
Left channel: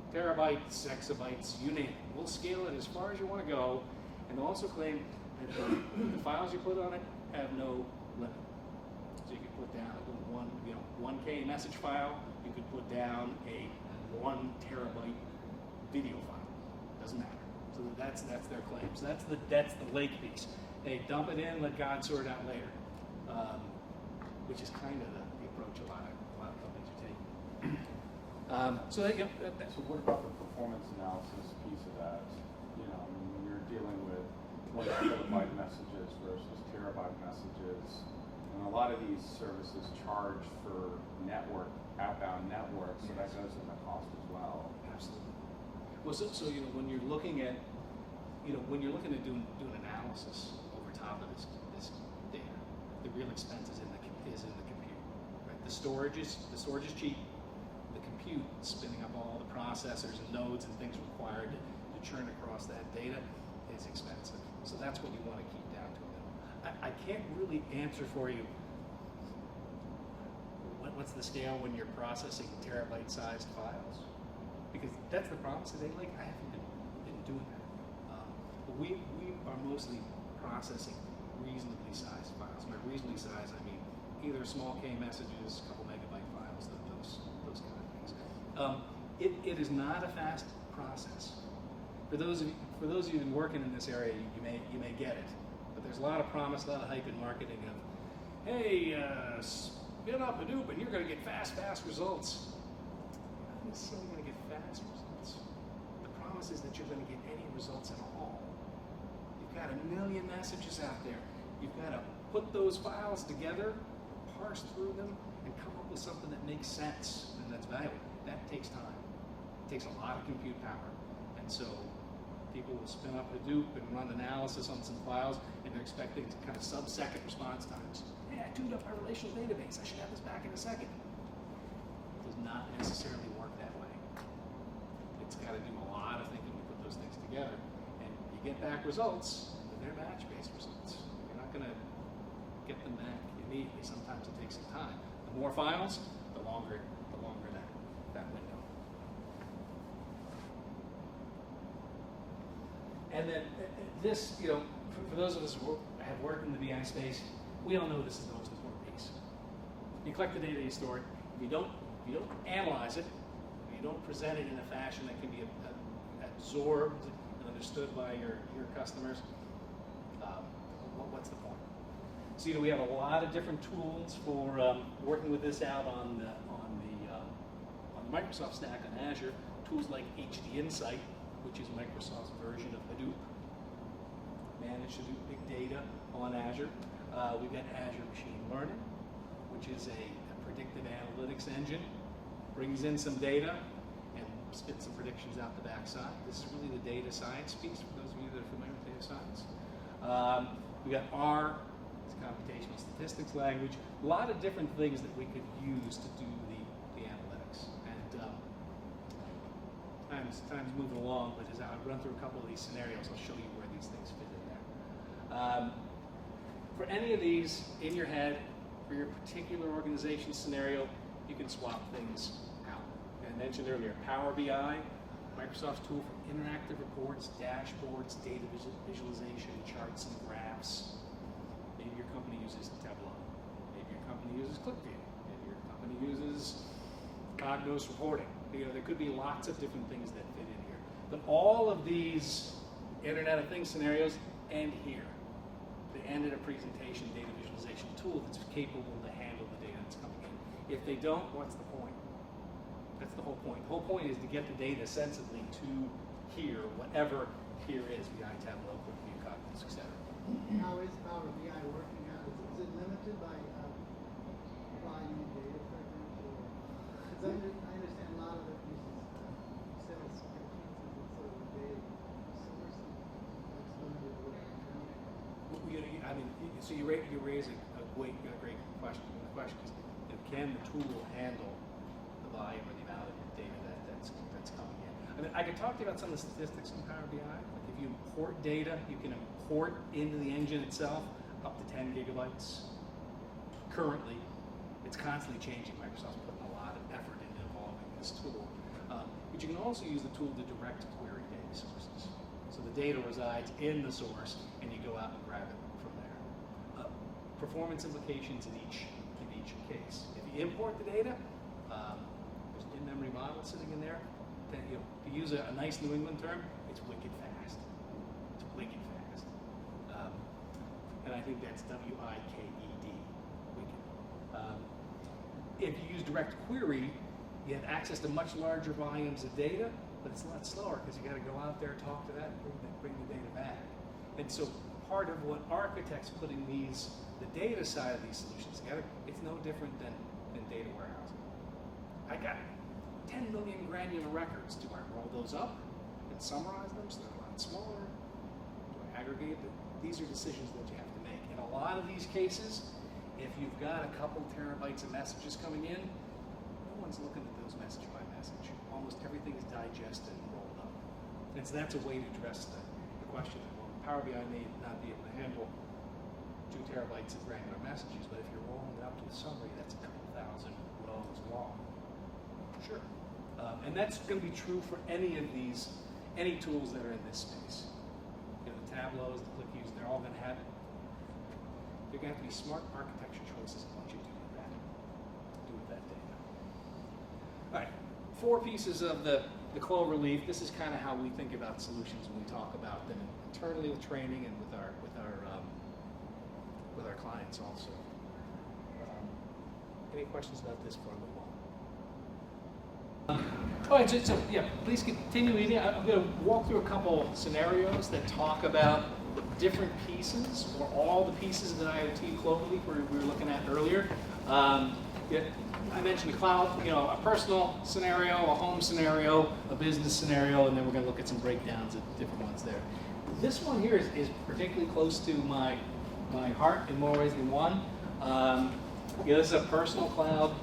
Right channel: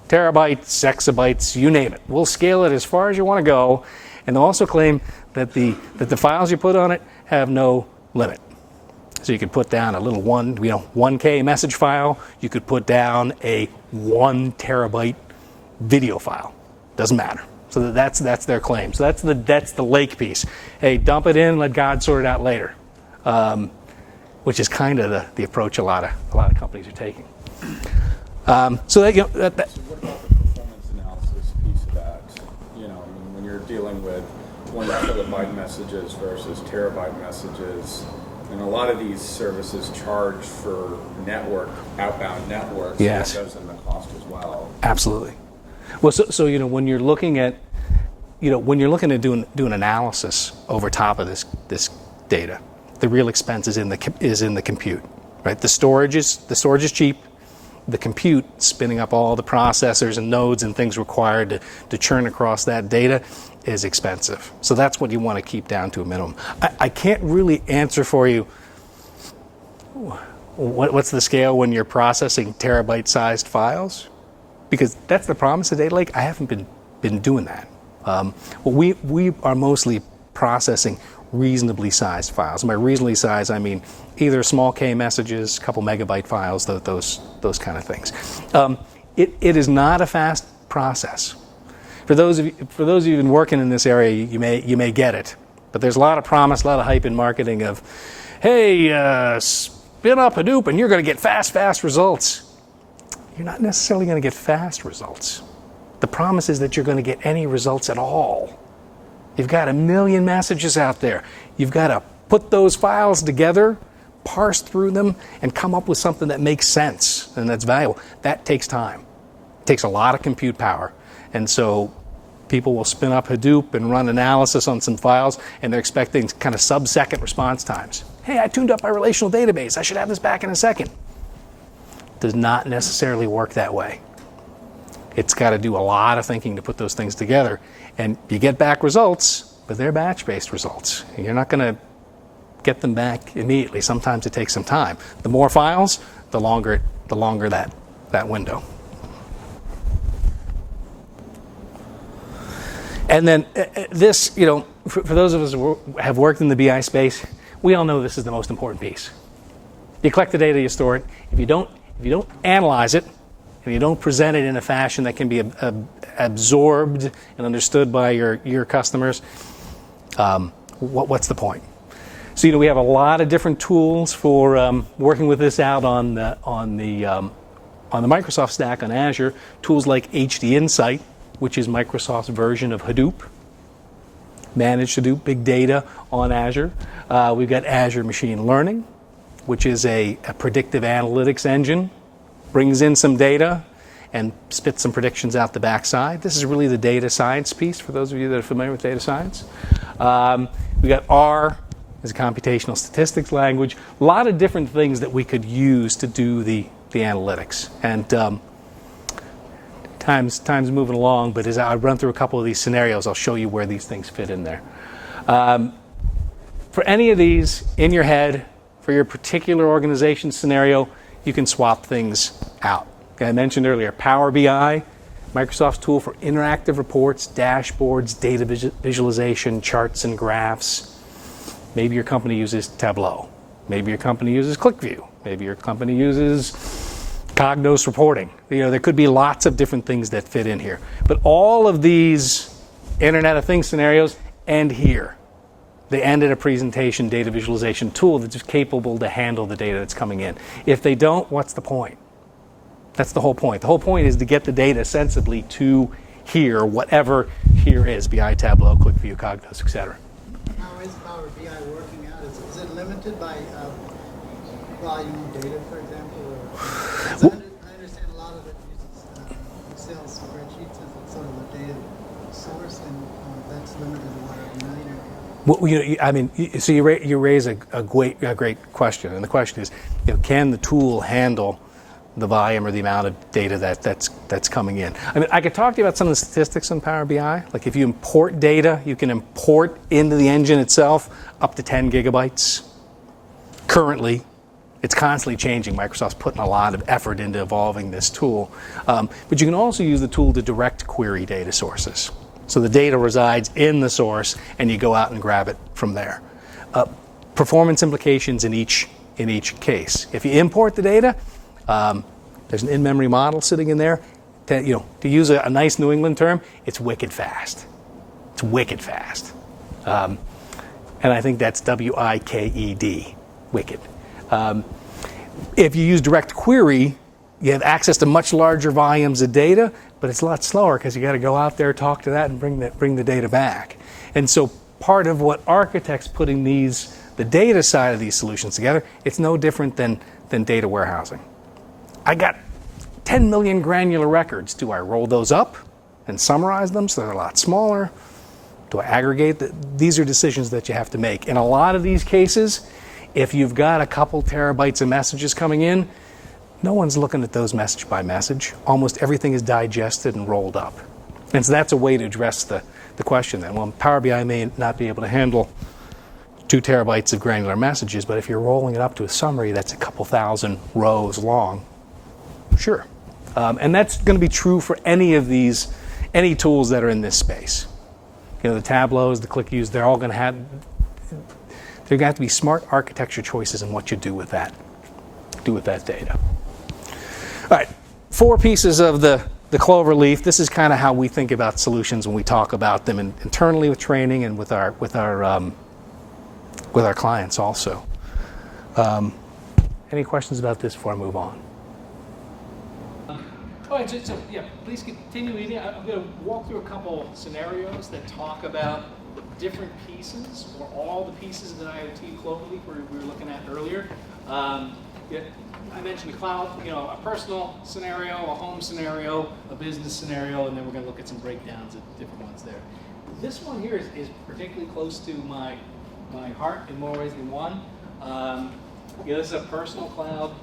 Terabytes, exabytes, you name it. We'll scale it as far as you want to go. And they'll also claim that the files you put on it have no limit. So you could put down a little 1K message file. You could put down a 1 terabyte video file. Doesn't matter. So that's their claim. So that's the lake piece. Hey, dump it in, let God sort it out later, which is kind of the approach a lot of companies are taking. So that So what about the performance analysis piece of that? You know, I mean, when you're dealing with 1 kilobyte messages versus terabyte messages, and a lot of these services charge for outbound networks. Yes. So that goes in the cost as well. Absolutely. Well, so when you're looking at doing analysis over top of this data, the real expense is in the compute, right? The storage is cheap. The compute, spinning up all the processors and nodes and things required to churn across that data, is expensive. So that's what you want to keep down to a minimum. I can't really answer for you what's the scale when you're processing terabyte-sized files, because that's the promise of Data Lake. I haven't been doing that. We are mostly processing reasonably sized files. And by reasonably sized, I mean either small K messages, a couple megabyte files, those kind of things. It is not a fast process. For those of you who've been working in this area, you may get it. But there's a lot of promise, a lot of hype in marketing of, hey, spin up Hadoop and you're going to get fast results. You're not necessarily going to get fast results. The promise is that you're going to get any results at all. You've got 1 million messages out there. You've got to put those files together, parse through them, and come up with something that makes sense and that's valuable. That takes time. It takes a lot of compute power. And so people will spin up Hadoop and run analysis on some files, and they're expecting kind of sub-second response times. Hey, I tuned up my relational database. I should have this back in a second. Does not necessarily work that way. It's got to do a lot of thinking to put those things together. And you get back results, but they're batch-based results. You're not going to get them back immediately. Sometimes it takes some time. The more files, the longer that window. And then this, for those of us who have worked in the BI space, we all know this is the most important piece. You collect the data, you store it. If you don't analyze it, and you don't present it in a fashion that can be absorbed and understood by your customers, what's the point? So we have a lot of different tools for working with this out on the Microsoft stack on Azure. Tools like HD Insight, which is Microsoft's version of Hadoop, managed Hadoop big data on Azure. We've got Azure Machine Learning, which is a predictive analytics engine, brings in some data and spits some predictions out the backside. This is really the data science piece for those of you that are familiar with data science. We got R as a computational statistics language. A lot of different things that we could use to do the analytics. And time's moving along, but as I run through a couple of these scenarios, I'll show you where these things fit in there. For any of these in your head, for your particular organization scenario, you can swap things out. Okay, I mentioned earlier, Power BI, Microsoft's tool for interactive reports, dashboards, data visualization, charts and graphs. Maybe your company uses Tableau. Maybe your company uses ClickView. Maybe your company uses Cognos reporting. There could be lots of different things that fit in here. But all of these Internet of Things scenarios end here. They end at a presentation data visualization tool that's capable to handle the data that's coming in. If they don't, what's the point? That's the whole point. The whole point is to get the data sensibly to here, whatever here is, BI, Tableau, ClickView, Cognos, etc. How is Power BI working out? Is it limited by volume of data, for example? Or, I understand a lot of it uses Excel spreadsheets as sort of a data source, and that's limited to what a million area. Well, I mean, so you raise a great question, and the question is, can the tool handle the volume or the amount of data that's coming in? I mean, I could talk to you about some of the statistics on Power BI. Like if you import data, you can import into the engine itself up to 10 gigabytes. Currently, it's constantly changing. Microsoft's putting a lot of effort into evolving this tool. But you can also use the tool to direct query data sources. So the data resides in the source, and you go out and grab it from there. Performance implications in each case. If you import the data, there's an in-memory model sitting in there. To use a nice New England term, it's wicked fast. It's wicked fast. And I think that's WIKED, wicked. If you use direct query, you have access to much larger volumes of data, but it's a lot slower because you got to go out there, talk to that, and bring the data back. And so part of what architects putting the data side of these solutions together, it's no different than data warehousing. I got 10 million granular records. Do I roll those up and summarize them so they're a lot smaller? Do I aggregate? These are decisions that you have to make. In a lot of these cases, if you've got a couple terabytes of messages coming in, no one's looking at those message by message. Almost everything is digested and rolled up. And so that's a way to address the question then. Well, Power BI may not be able to handle 2 terabytes of granular messages, but if you're rolling it up to a summary that's a couple thousand rows long, sure. And that's going to be true for any tools that are in this space. The Tableaus, the ClickViews, they're all going to have to be smart architecture choices in what you do with that data. All right, 4 pieces of the clover leaf. This is kind of how we think about solutions when we talk about them internally with training and with our clients also. Any questions about this before I move on? All right, so yeah, please continue reading. I'm going to walk through a couple scenarios that talk about different pieces, or all the pieces of the IoT cloverleaf we were looking at earlier. I mentioned the cloud, a personal scenario, a home scenario, a business scenario, and then we're going to look at some breakdowns of different ones there. This one here is particularly close to my heart in more ways than one. This is a personal cloud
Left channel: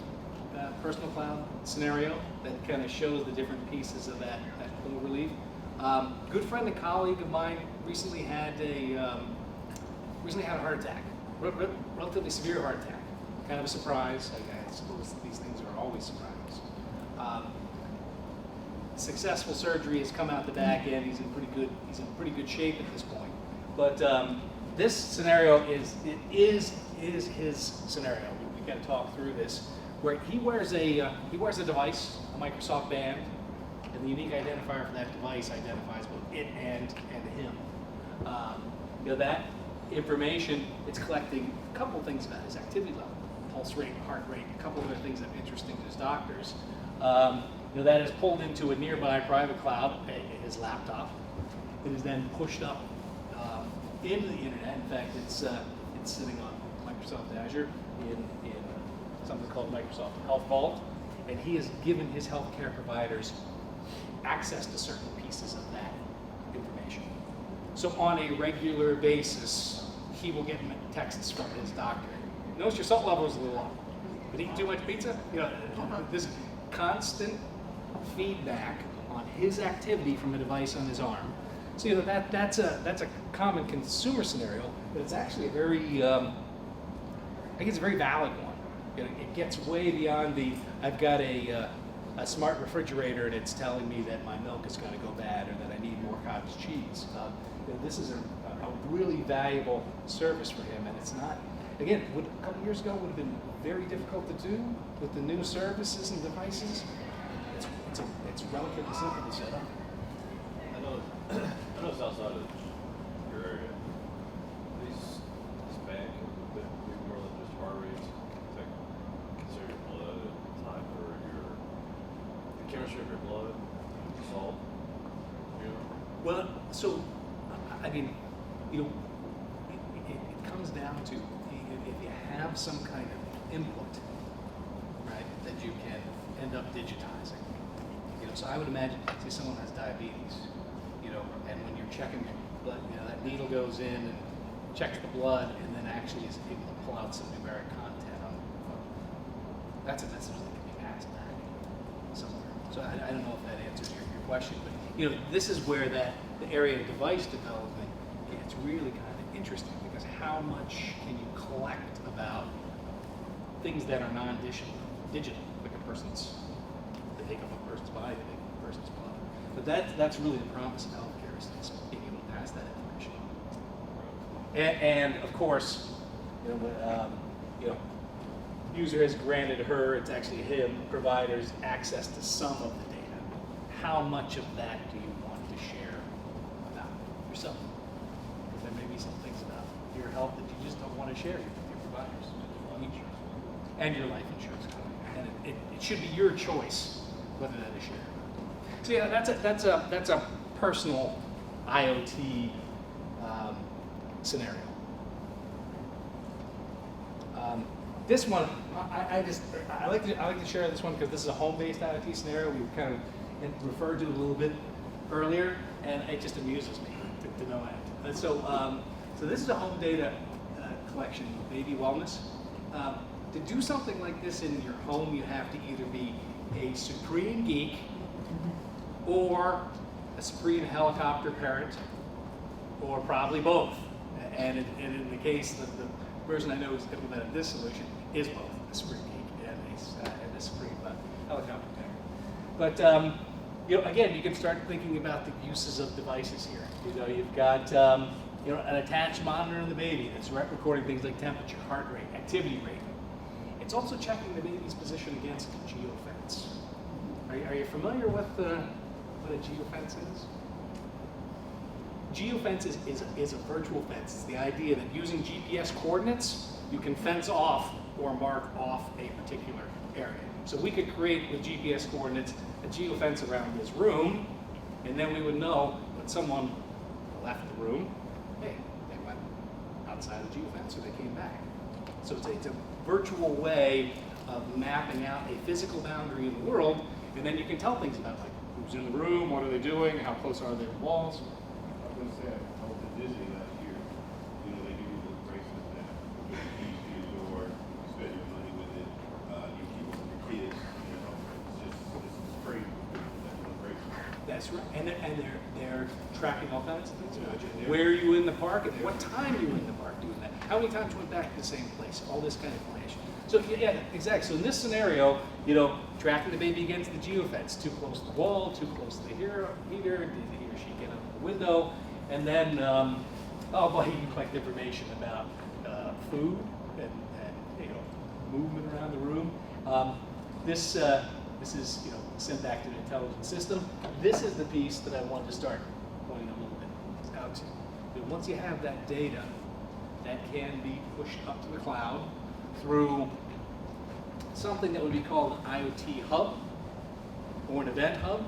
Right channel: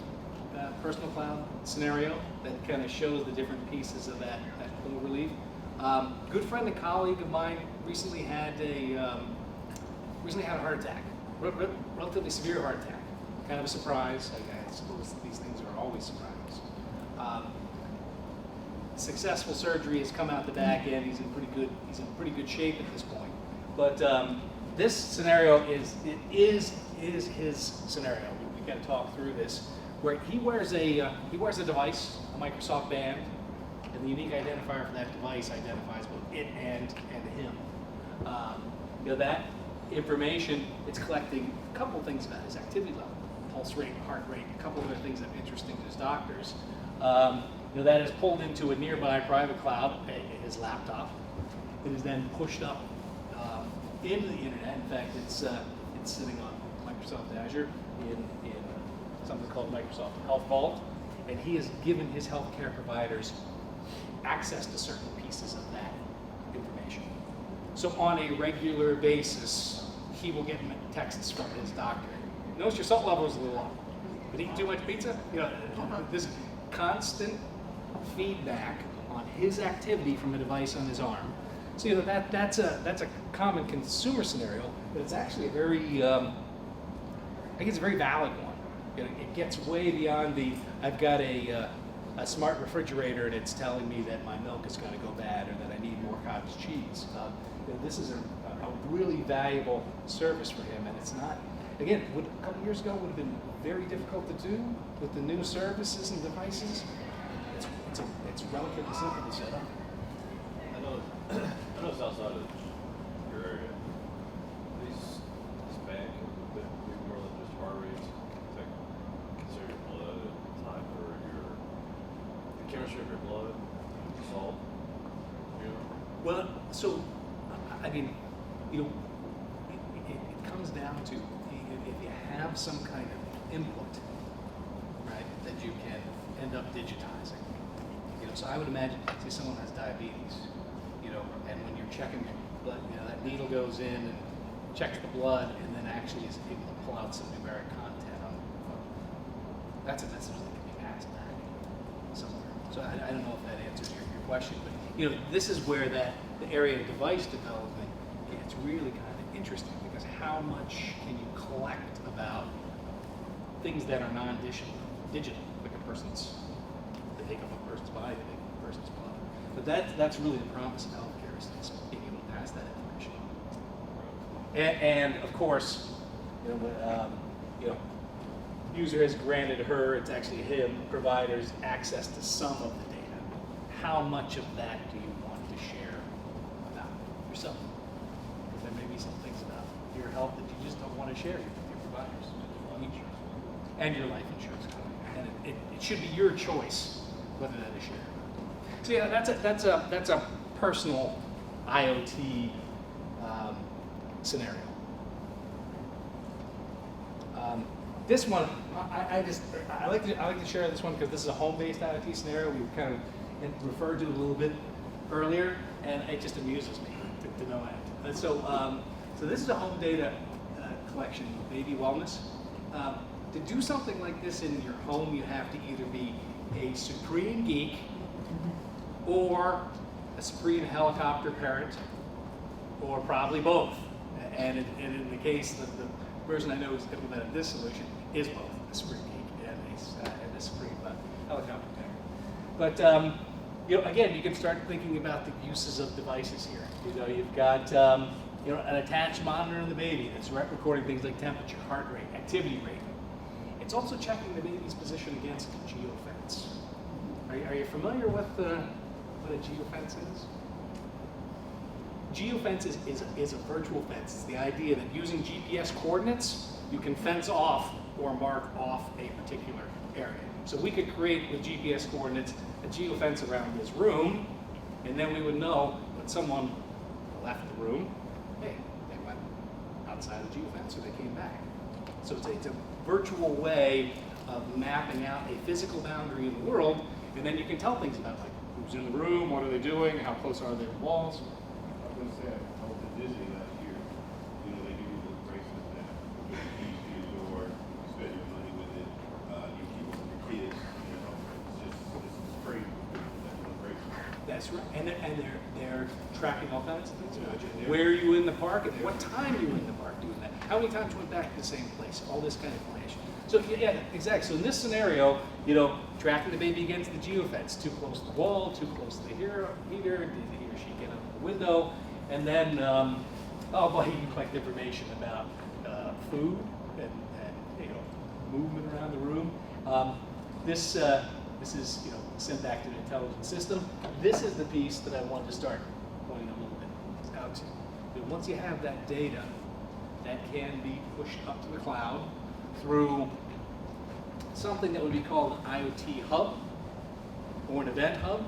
scenario that kind of shows the different pieces of that cloverleaf. Good friend and colleague of mine recently had a heart attack, relatively severe heart attack. Kind of a surprise. I suppose these things are always surprises. Successful surgery has come out the back end. He's in pretty good shape at this point. But this scenario is his scenario. We got to talk through this, where he wears a device, a Microsoft band, and the unique identifier for that device identifies both it and him. That information, it's collecting a couple things about his activity level, pulse rate, heart rate, a couple other things that are interesting to his doctors. That is pulled into a nearby private cloud, his laptop. It is then pushed up into the internet. In fact, it's sitting on Microsoft Azure in something called Microsoft Health Vault, and he has given his healthcare providers access to certain pieces of that information. So on a regular basis, he will get texts from his doctor. Notice your salt level is a little off. Been eating too much pizza? This constant feedback on his activity from a device on his arm. So that's a common consumer scenario, but it's actually a very valid one. It gets way beyond I've got a smart refrigerator and it's telling me that my milk is going to go bad or that I need more cottage cheese. This is a really valuable service for him, and it's not. Again, a couple years ago would have been very difficult to do with the new services and devices. It's relatively simple to set up. I know it's outside of your area. This band can be more than just heart rates. Consider your blood and time for the chemistry of your blood, salt. Well, so I mean, it comes down to if you have some kind of input, right, that you can end up digitizing. So I would imagine, say someone has diabetes, and when you're checking your blood, that needle goes in and checks the blood, and then actually is able to pull out some numeric content on the phone. That's a message that can be passed back somewhere. So I don't know if that answers your question, but this is where the area of device development gets really kind of interesting, because how much can you collect about things that are non-digital, like they take up a person's body, they take up a person's blood. But that's really the promise of healthcare, is being able to pass that information. And of course, user has granted her, it's actually him, providers access to some of the data. How much of that do you want to share about yourself? Because there may be some things about your health that you just don't want to share with your providers. And your life insurance company. And it should be your choice whether that is shared. So yeah, that's a personal IoT scenario. This one, I like to share this one because this is a home-based IoT scenario. We kind of referred to it a little bit earlier, and it just amuses me to no end. And so this is a home data collection, baby wellness. To do something like this in your home, you have to either be a supreme geek or a supreme helicopter parent, or probably both. And in the case that the person I know who's implemented this solution is both a supreme geek and a supreme helicopter parent. But again, you can start thinking about the uses of devices here. You've got an attached monitor in the baby that's recording things like temperature, heart rate, activity rate. It's also checking the baby's position against a geofence. Are you familiar with what a geofence is? Geofence is a virtual fence. It's the idea that using GPS coordinates, you can fence off or mark off a particular area. So we could create with GPS coordinates a geofence around this room, and then we would know when someone left the room, hey, they went outside the geofence or they came back. So it's a virtual way of mapping out a physical boundary in the world, and then you can tell things about like who's in the room, what are they doing, how close are they to walls. I was going to say, I was at Disney last year. They give you those bracelets that you use to your door, you spend your money with it, you keep it with your kids. It's crazy. That's one bracelet. That's right, and they're tracking all kinds of things about you. Where are you in the park, and what time are you in the park doing that? How many times you went back to the same place? All this kind of information. So yeah, exactly. So in this scenario, tracking the baby against the geofence, too close to the wall, too close to the heater, did he or she get out the window, and then you can collect information about food and movement around the room. This is sent back to the intelligent system. This is the piece that I wanted to start pointing a little bit out to. But once you have that data, that can be pushed up to the cloud through something that would be called an IoT hub or an event hub.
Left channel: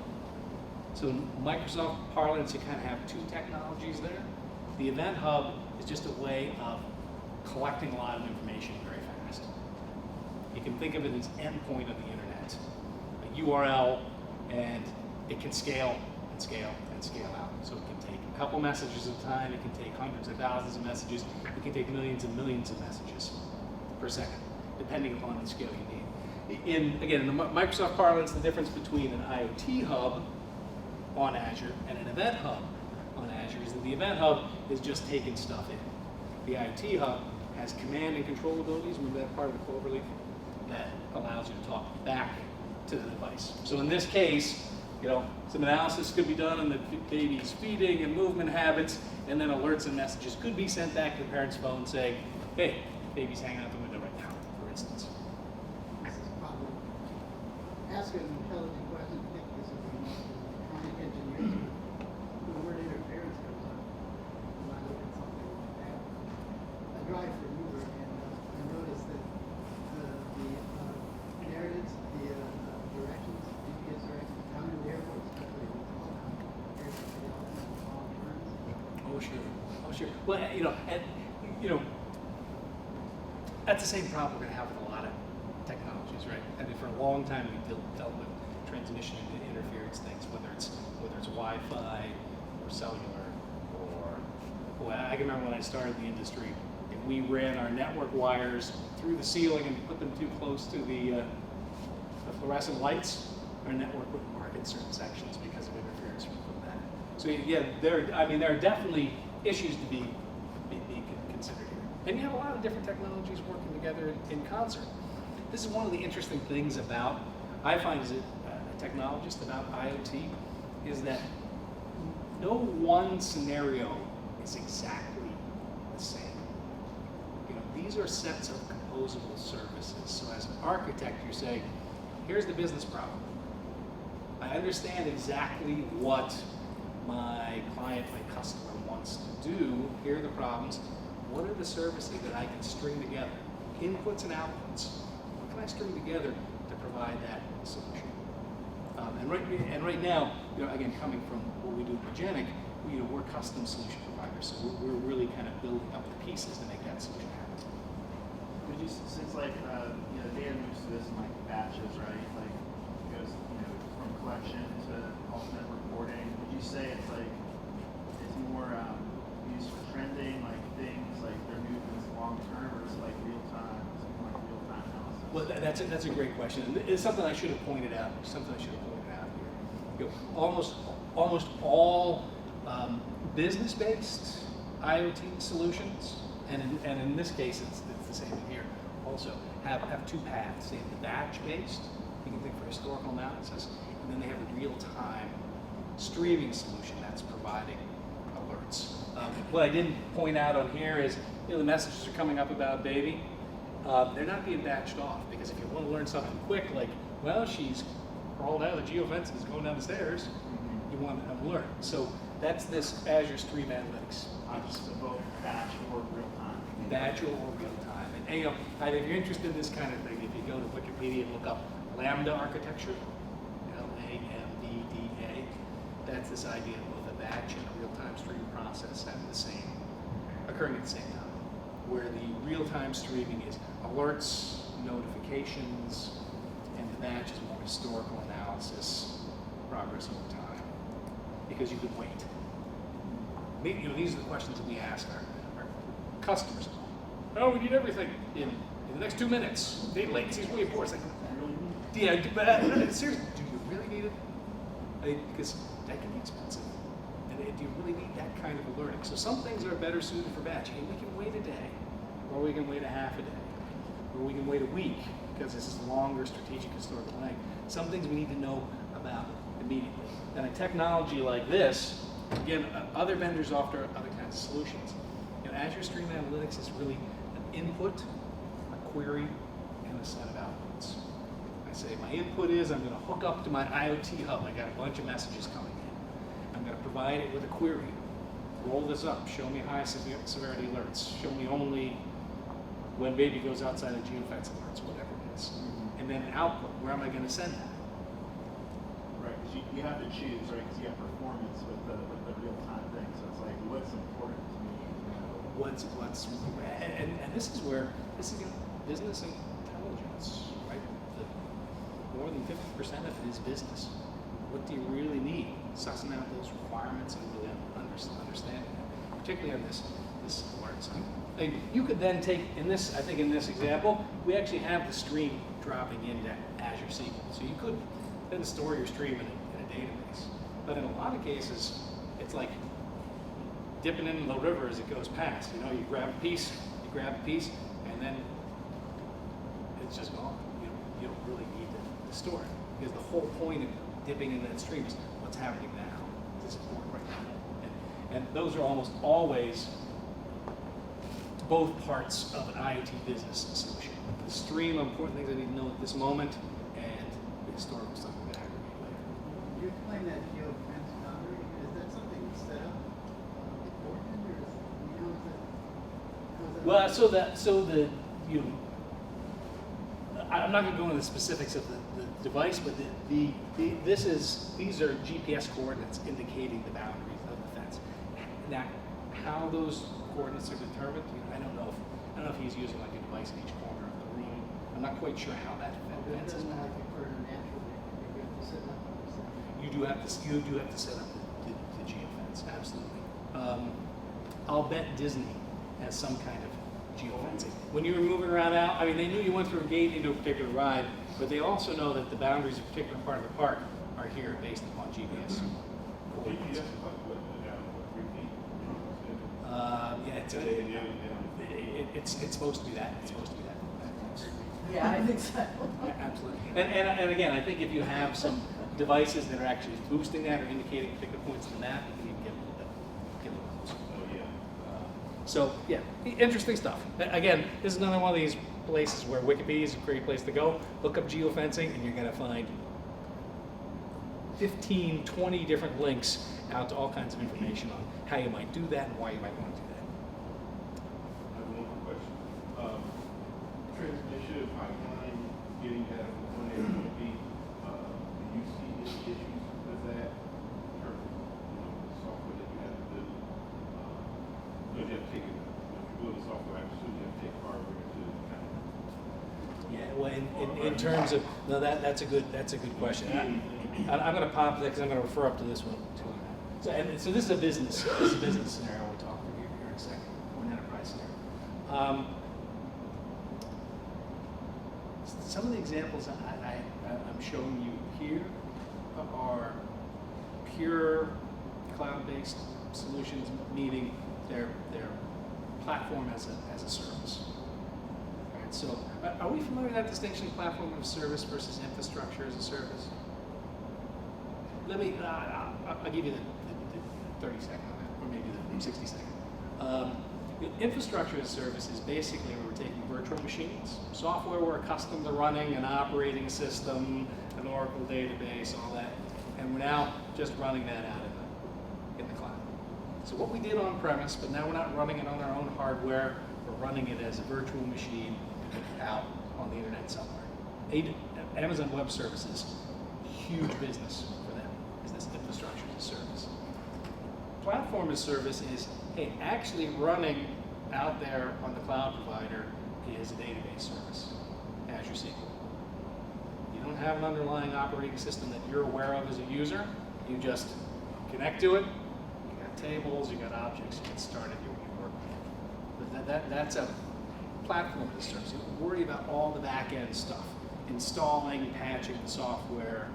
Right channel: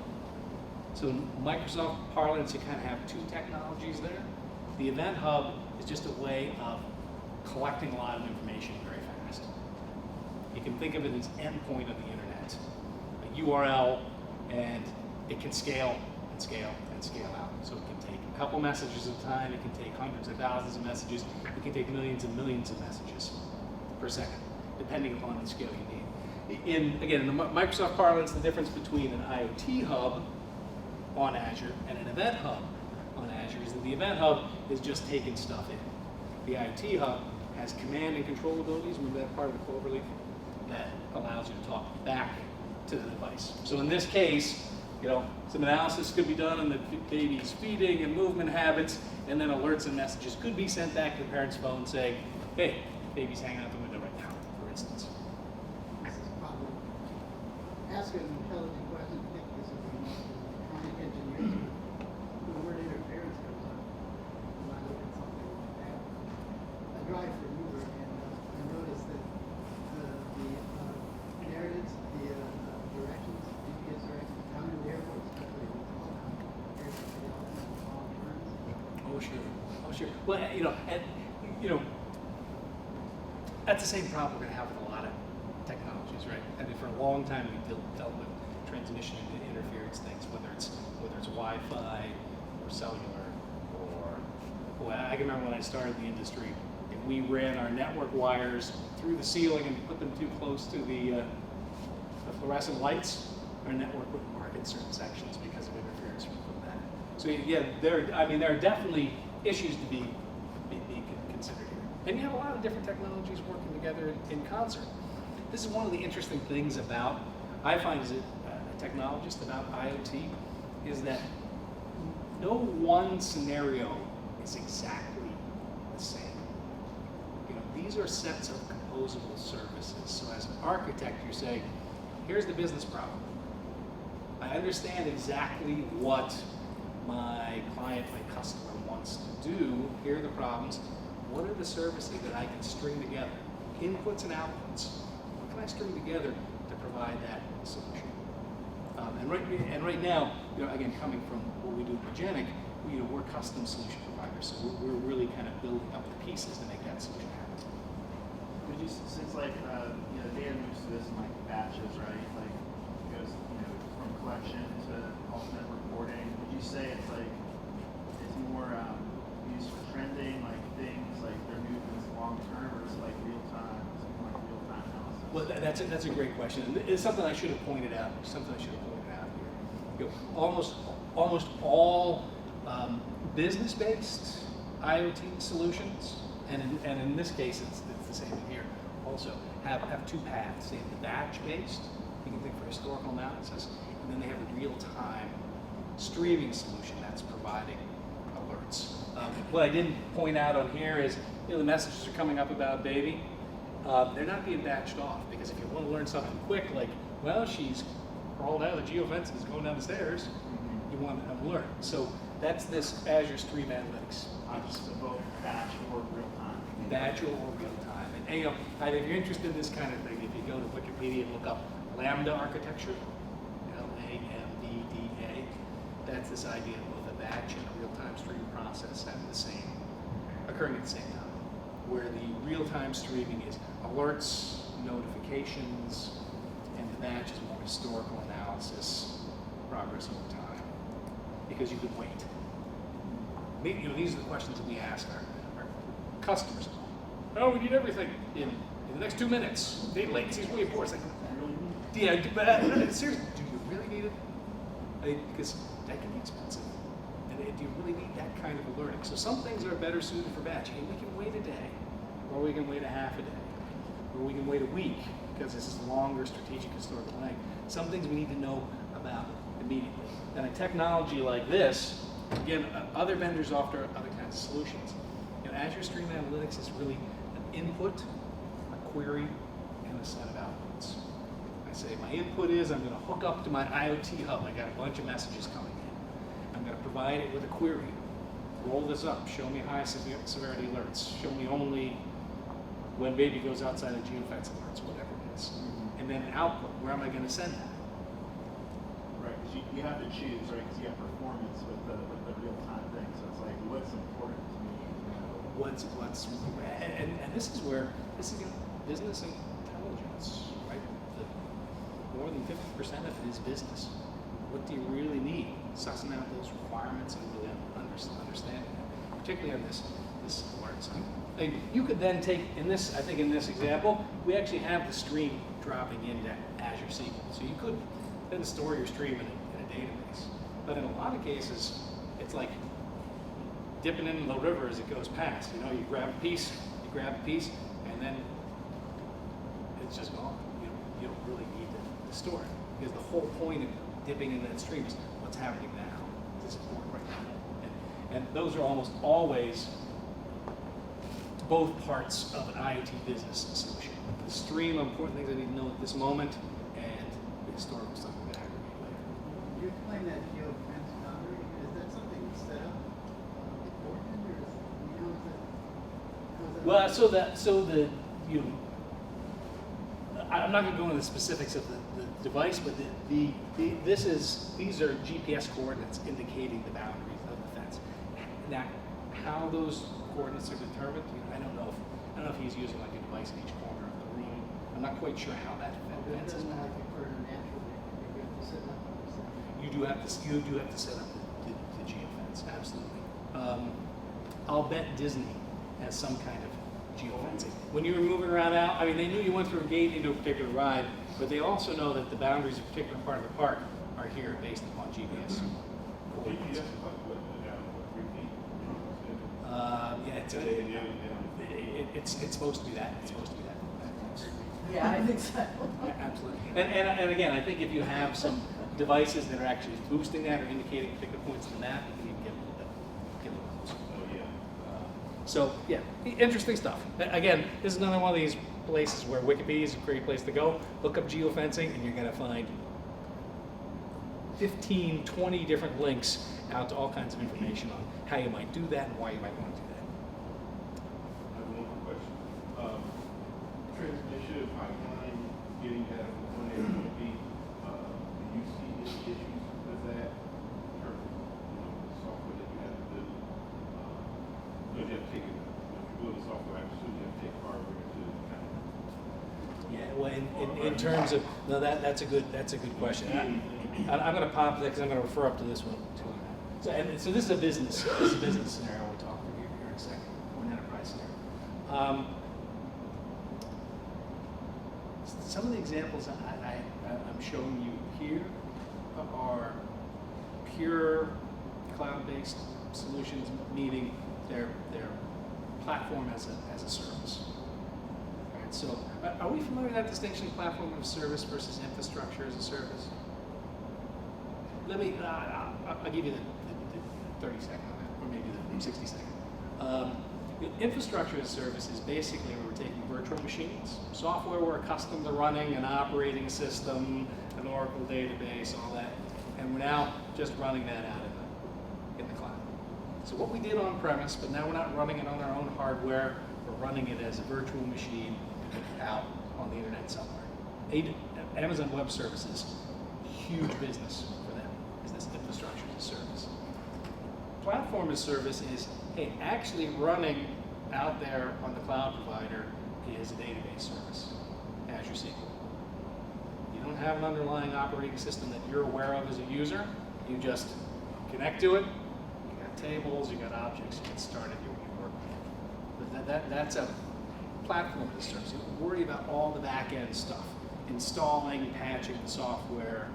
So in Microsoft parlance, you kind of have two technologies there. The event hub is just a way of collecting a lot of information very fast. You can think of it as endpoint of the internet, a URL, and it can scale and scale and scale out. So it can take a couple messages at a time, it can take hundreds of thousands of messages, it can take millions and millions of messages per second, depending upon the scale you need. In the Microsoft parlance, the difference between an IoT hub on Azure and an event hub on Azure is that the event hub is just taking stuff in. The IoT hub has command and control abilities, remember that part of the cloverleaf, that allows you to talk back to the device. So in this case, some analysis could be done on the baby's feeding and movement habits, and then alerts and messages could be sent back to the parent's phone saying, hey, baby's hanging out the window right now, for instance. This is probably ask an intelligent question. I think this is electronic engineers. The word interference comes up when I look at something like that. I drive for Uber, and I noticed that the narratives, the directions, GPS directions down in the airport, especially with all turns. Oh sure. Well, that's the same problem we're going to have with a lot of technologies, right? I mean, for a long time we dealt with transmission and interference things, whether it's Wi-Fi or cellular or Well, I can remember when I started in the industry, if we ran our network wires through the ceiling and put them too close to the fluorescent lights, our network wouldn't work in certain sections because of interference from that. So yeah, there are definitely issues to be considered here. And you have a lot of different technologies working together in concert. This is one of the interesting things about, I find as a technologist about IoT, is that no one scenario is exactly the same. You know, these are sets of composable services. So as an architect, you say, here's the business problem. I understand exactly what my client, my customer wants to do. Here are the problems. What are the services that I can string together? Inputs and outputs. What can I string together to provide that solution? And right now, you know, again, coming from what we do at Magenic, we're custom solution providers, so we're really kind of building up the pieces to make that solution happen. Would you, since like data moves to this in like batches, right? Like it goes from collection to ultimate reporting. Would you say it's more used for trending, like things like their movements long term, or is it like real time, something like real time analysis? Well, that's a great question, and it's something I should have pointed out. Here. You know, almost all business-based IoT solutions, and in this case, it's the same here. Also, have two paths. They have the batch-based, you can think for historical analysis, and then they have a real-time streaming solution that's providing alerts. What I didn't point out on here is, the messages are coming up about baby. They're not being batched off, because if you want to learn something quick, like, well, she's crawled out of the geofence and is going down the stairs, you want to learn. So that's this Azure Stream Analytics. So both batch or real time. Batch or real time. And if you're interested in this kind of thing, if you go to Wikipedia and look up Lambda architecture, Lambda, that's this idea of both a batch and a real-time stream process occurring at the same time, where the real-time streaming is alerts, notifications, and the batch is more historical analysis, progress over time, because you could wait. These are the questions that we ask our customers. Oh, we need everything in the next 2 minutes. Data latency is really important. It's like, yeah, but seriously, do you really need it? Because that can be expensive. And do you really need that kind of alerting? So some things are better suited for batch. Hey, we can wait a day, or we can wait a half a day, or we can wait a week, because this is longer strategic historical length. Some things we need to know about immediately. And a technology like this, again, other vendors offer other kinds of solutions. Azure Stream Analytics is really an input, a query, and a set of outputs. I say my input is I'm going to hook up to my IoT hub. I got a bunch of messages coming in. I'm going to provide it with a query. Roll this up. Show me high severity alerts. Show me only when baby goes outside of geofence alerts, whatever it is. And then an output. Where am I going to send that? Right, because you have to choose, right? Because you have performance with the real time thing. So it's like, what's important to me? And this is where business intelligence, right? More than 50% of it is business. What do you really need? Sussing out those requirements and really understanding them, particularly on this alert side. You could then take, in this example, we actually have the stream dropping into Azure SQL. So you could then store your stream in a database. But in a lot of cases, it's like dipping into the river as it goes past. You grab a piece, and then it's just gone. You don't really need to store it, because the whole point of dipping in that stream is what's happening now to support right now. And those are almost always both parts of an IoT business solution. The stream of important things I need to know at this moment, and the historical stuff I'm going to aggregate later. You explain that geofence boundary. Is that something set up beforehand, or is it, I'm not going to go into the specifics of the device, but these are GPS coordinates indicating the boundaries of the fence. Now, how those coordinates are determined, I don't know if he's using like a device in each corner of the room. I'm not quite sure how that fence is. You do have to set up the geofence, absolutely. I'll bet Disney has some kind of geofencing. When you were moving around out, I mean, they knew you went through a gate into a particular ride, but they also know that the boundaries of a particular part of the park are here based upon GPS. GPS is like what, down 3 feet? Yeah, it's supposed to be that. It's supposed to be that. Yeah, I think so. Yeah, absolutely. And again, I think if you have some devices that are actually boosting that or indicating particular points in the map, you can get a little closer. Oh, yeah. So yeah, interesting stuff. Again, this is another one of these places where Wikipedia is a great place to go. Look up geofencing and you're going to find 15, 20 different links out to all kinds of information on how you might do that and why you might want to do that. I have one more question. Transmission pipeline, getting that from point A to point B, do you see any issues with that in terms of, the software that you have to build? You have to take it, if you build a software, I assume you have to take hardware to kind of. Yeah, well, in terms of, no, that's a good question. I'm going to pop that because I'm going to refer up to this one too. So this is a business scenario we'll talk through here in a second, or an enterprise scenario. Some of the examples I'm showing you here are pure cloud-based solutions, meaning they're platform as a service. All right, so are we familiar with that distinction, platform as a service versus infrastructure as a service? Let me, I'll give you the 30 second on that, or maybe the 60 second. Infrastructure as a service is basically where we're taking virtual machines, software we're accustomed to running, an operating system, an Oracle database, all that, and we're now just running that out in the cloud. So what we did on premise, but now we're not running it on our own hardware, we're running it as a virtual machine out on the internet somewhere. Amazon Web Services, huge business for them, is this infrastructure as a service. Platform as a service is, hey, actually running out there on the cloud provider is a database service, Azure SQL. You don't have an underlying operating system that you're aware of as a user. You just connect to it. You got tables, you got objects, you get started, you work with it. That's a platform as a service. You don't worry about all the back end stuff, installing, patching the software.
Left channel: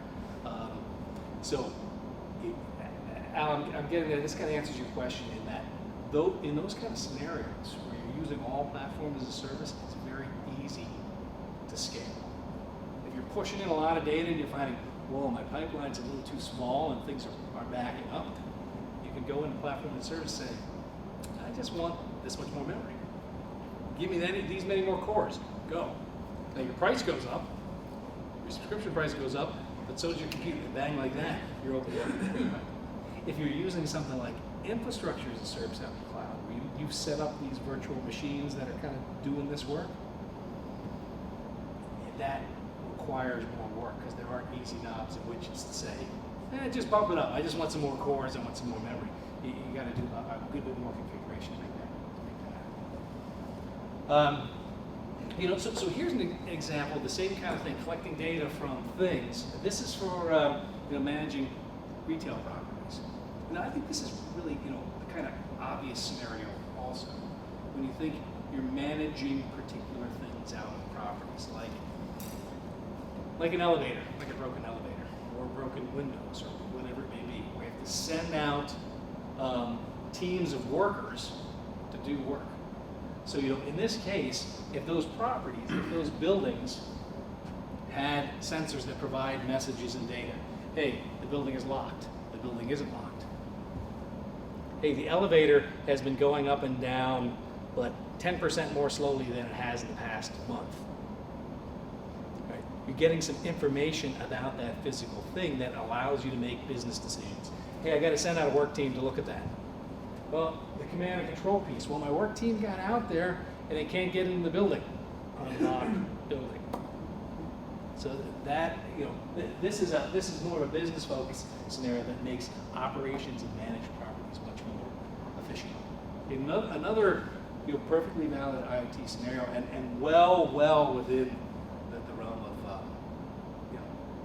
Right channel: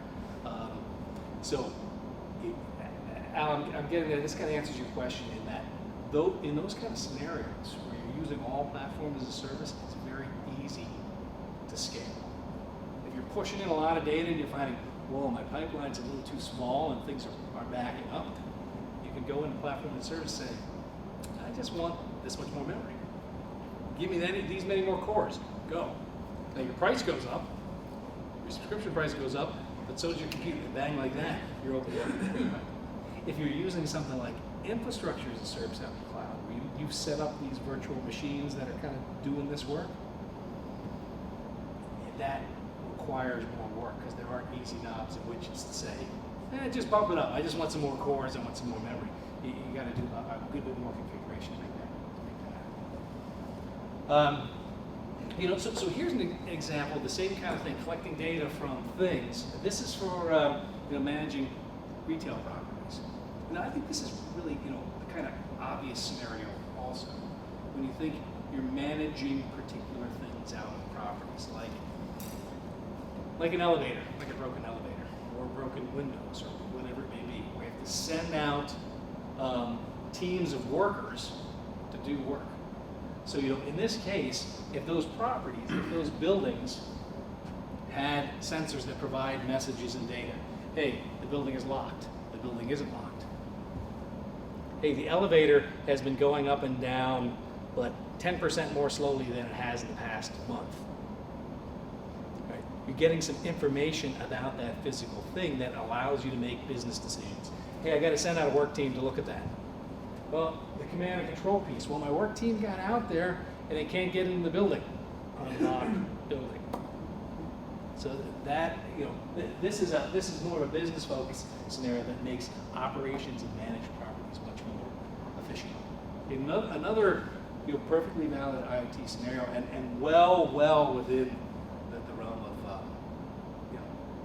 Al, I'm getting that this kind of answers your question in that, though, in those kind of scenarios where you're using all platform as a service, it's very easy to scale. If you're pushing in a lot of data and you're finding, whoa, my pipeline's a little too small and things are backing up, you can go into platform as a service and say, I just want this much more memory. Give me these many more cores. Go. Now your price goes up, your subscription price goes up, but so does your computer. Bang, like that, you're open. If you're using something like infrastructure as a service out in the cloud, where you've set up these virtual machines that are kind of doing this work, that requires more work because there aren't easy knobs and widgets to say, just bump it up. I just want some more cores. I want some more memory. You got to do a good bit more configuration to make that happen. So here's an example of the same kind of thing, collecting data from things. This is for managing retail properties. Now, I think this is really, the kind of obvious scenario also. When you think you're managing particular things out on properties, like an elevator, like a broken elevator, or broken windows, or whatever it may be, where you have to send out teams of workers to do work. So, in this case, if those properties, if those buildings had sensors that provide messages and data, hey, the building is locked, the building isn't locked. Hey, the elevator has been going up and down, but 10% more slowly than it has in the past month. Right? You're getting some information about that physical thing that allows you to make business decisions. Hey, I got to send out a work team to look at that. Well, the command and control piece. Well, my work team got out there and they can't get into the building, unlocked building. So that, this is more of a business focused scenario that makes operations and managed properties much more efficient. Another perfectly valid IoT scenario and well within the realm of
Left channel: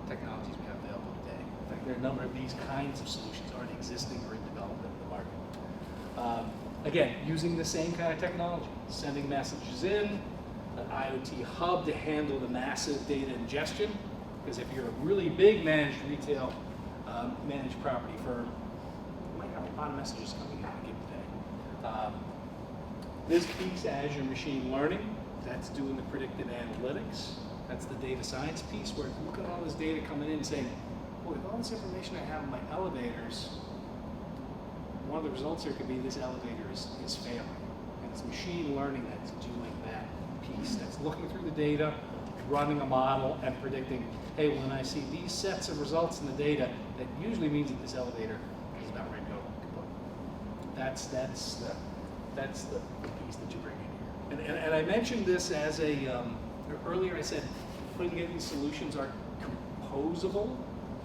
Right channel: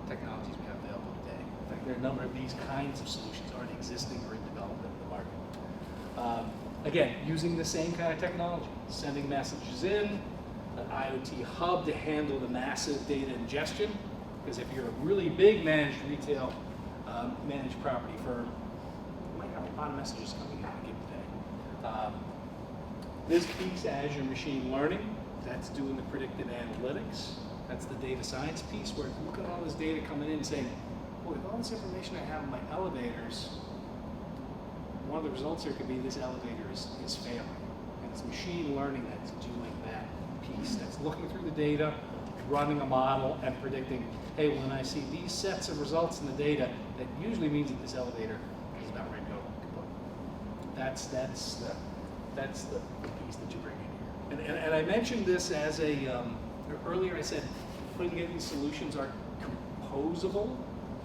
technologies we have available today. In fact, there are a number of these kinds of solutions already existing or in development in the market. Again, using the same kind of technology, sending messages in, an IoT hub to handle the massive data ingestion, because if you're a really big managed retail, managed property firm, you might have a lot of messages coming in a given day. This piece, Azure Machine Learning, that's doing the predictive analytics. That's the data science piece where you look at all this data coming in and saying, boy, with all this information I have in my elevators, one of the results here could be this elevator is failing. And it's machine learning that's doing that piece. That's looking through the data, running a model, and predicting, hey, when I see these sets of results in the data, that usually means that this elevator is about ready to go kaput. That's the piece that you bring in here. And I mentioned this as earlier I said, putting together these solutions are composable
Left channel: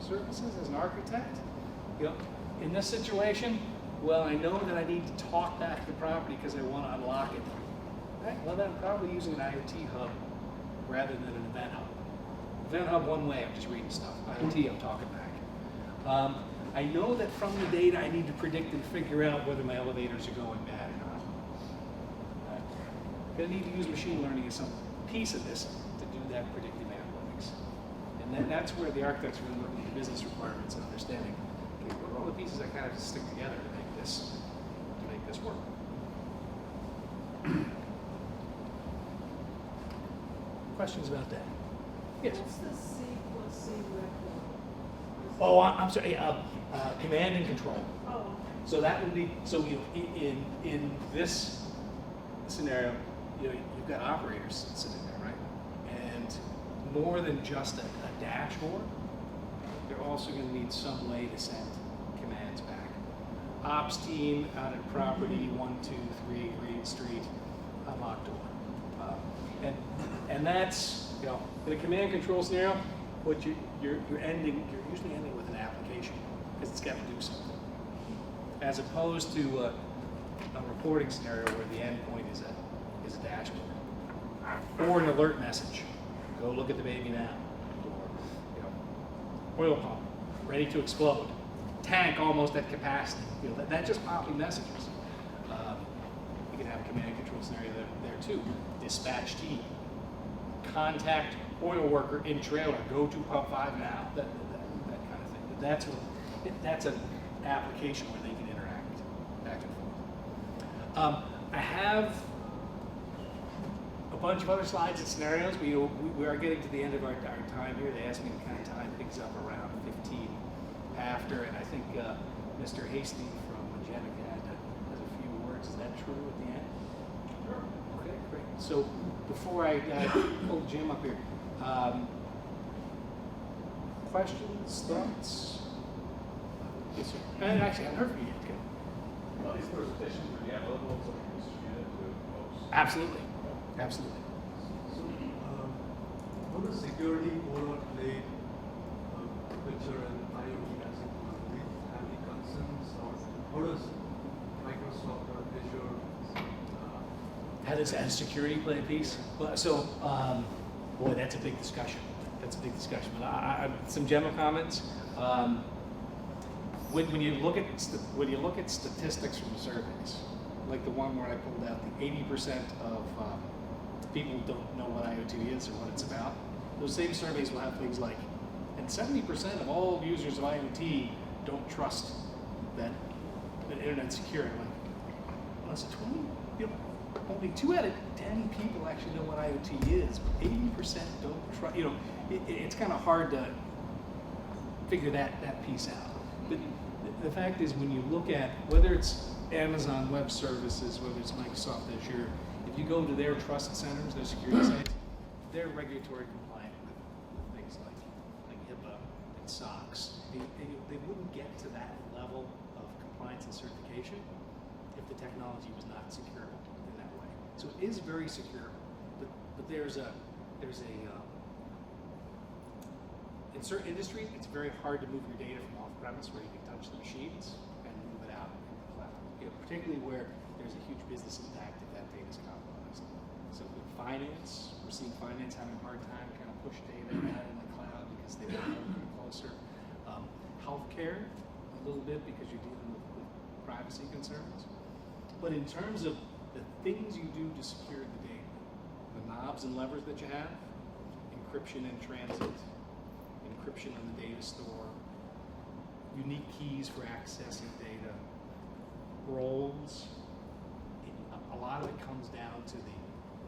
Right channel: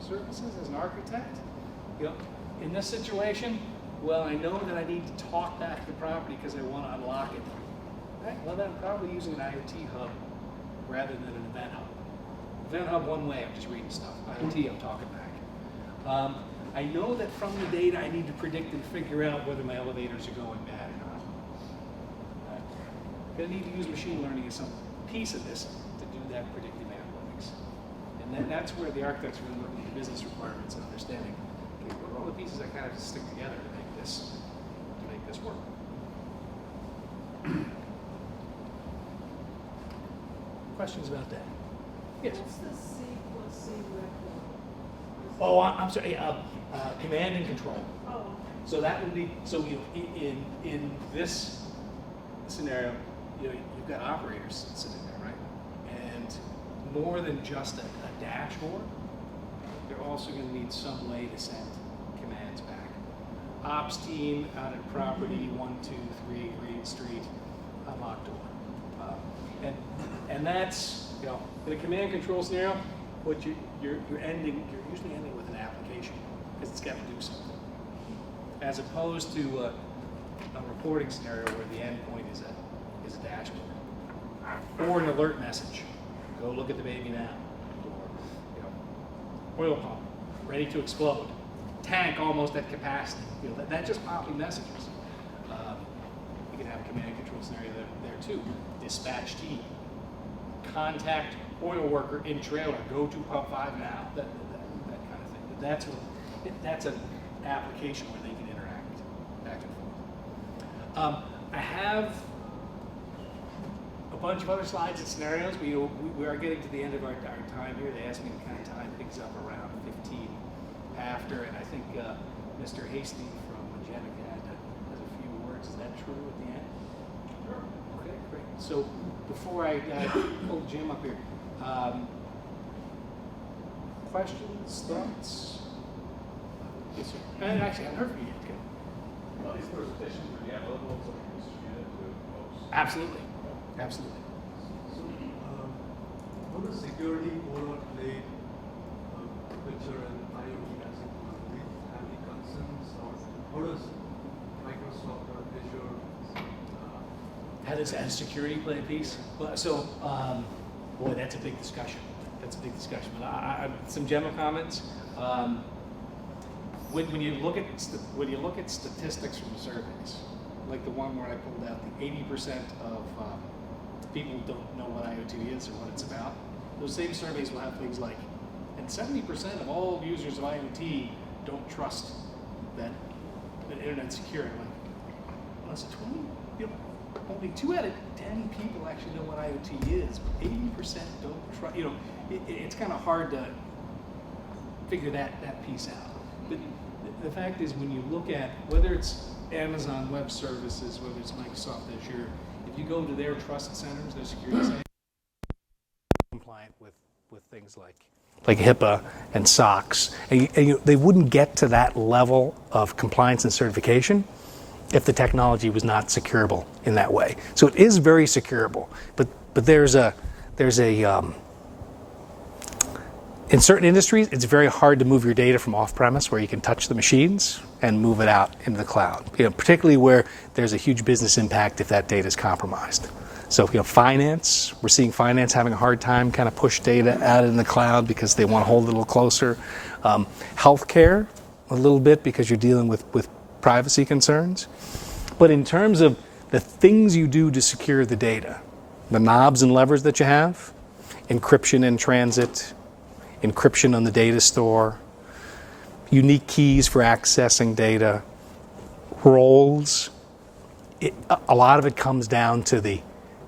services as an architect. You know, in this situation, well, I know that I need to talk back to the property because I want to unlock it. Right? Well, then I'm probably using an IoT hub rather than an event hub. Event hub one way, I'm just reading stuff. IoT, I'm talking back. I know that from the data I need to predict and figure out whether my elevators are going bad or not. I'm going to need to use machine learning as some piece of this to do that predictive analytics. And that's where the architects are really looking at the business requirements and understanding, okay, what are all the pieces that kind of stick together to make this work. Questions about that? Yes. What's the C plus C record? Oh, I'm sorry. Command and control. Oh, okay. So that would be in this scenario, you've got operators sitting there, right? And more than just a dashboard, they're also going to need some way to send commands back. Ops team out at property 123 Green Street, unlock door. And that's, in a command control scenario, what you're usually ending with an application because it's got to do something, as opposed to a reporting scenario where the endpoint is a dashboard or an alert message. Go look at the baby now, or oil pump ready to explode, tank almost at capacity. That just popping messages. You can have a command and control scenario there too. Dispatch team, contact oil worker in trailer, go to pump 5 now. That kind of thing. That's an application where they can interact back and forth. I have a bunch of other slides and scenarios, but we are getting to the end of our time here. They asked me to kind of time things up around 15 after, and I think Mr. Hasty from Magenic has a few words. Is that true at the end? Sure. Okay, great. So before I pull Jim up here, questions, thoughts? Yes, sir. And actually, I haven't heard from you yet. Okay. Well, these presentations are the available, so we can distribute it to folks. Absolutely. Absolutely. So, how does security overall play a picture in IoT as a whole? Do we have any concerns, or how does Microsoft or Azure? How does security play a piece? Well, so, boy, that's a big discussion. That's a big discussion. But some general comments. When you look at statistics from surveys, like the one where I pulled out, the 80% of people don't know what IoT is or what it's about. Those same surveys will have things like, and 70% of all users of IoT don't trust that the internet's secure. I'm like, well, it's 20. Only 2 out of 10 people actually know what IoT is, but 80% don't trust. It's kind of hard to figure that piece out. But the fact is, when you look at whether it's Amazon Web Services, whether it's Microsoft Azure, if you go to their trust centers, their security sites, they're regulatory compliant with things like HIPAA and SOX. And they wouldn't get to that level of compliance and certification if the technology was not securable in that way. So it is very securable, but there's a in certain industries, it's very hard to move your data from off-premise where you can touch the machines and move it out into the cloud. Particularly where there's a huge business impact if that data is compromised. So, finance, we're seeing finance having a hard time kind of push data out in the cloud because they want to hold it a little closer. Healthcare, a little bit because you're dealing with privacy concerns. But in terms of the things you do to secure the data, the knobs and levers that you have, encryption in transit, encryption on the data store, unique keys for accessing data, roles, a lot of it comes down to the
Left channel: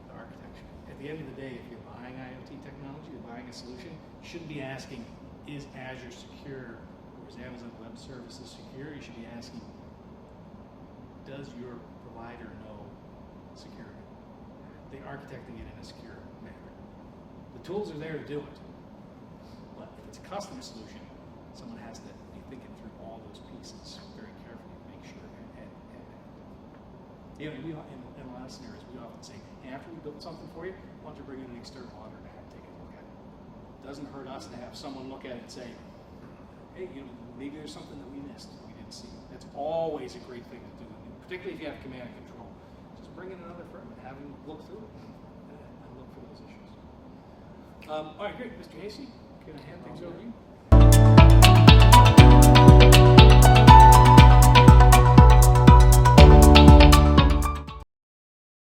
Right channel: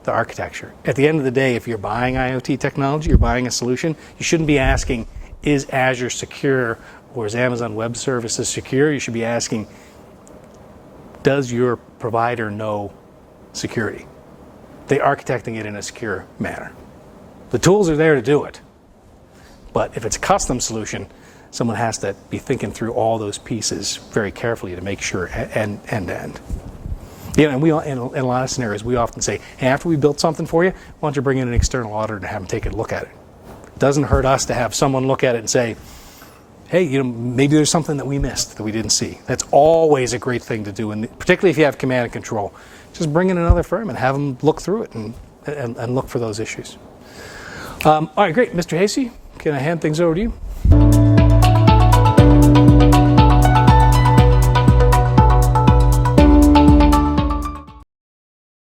architecture. At the end of the day, if you're buying IoT technology, you're buying a solution, you shouldn't be asking, is Azure secure or is Amazon Web Services secure? You should be asking, does your provider know security? They're architecting it in a secure manner. The tools are there to do it. But if it's a custom solution, someone has to be thinking through all those pieces very carefully to make sure end to end. You know, and we in a lot of scenarios, we often say, hey, after we built something for you, why don't you bring in an external auditor and have them take a look at it? It doesn't hurt us to have someone look at it and say, hey, you know, maybe there's something that we missed that we didn't see. That's always a great thing to do, and particularly if you have command and control. Just bring in another firm and have them look through it and look for those issues. All right, great. Mr. Hasey, can I hand things over to you?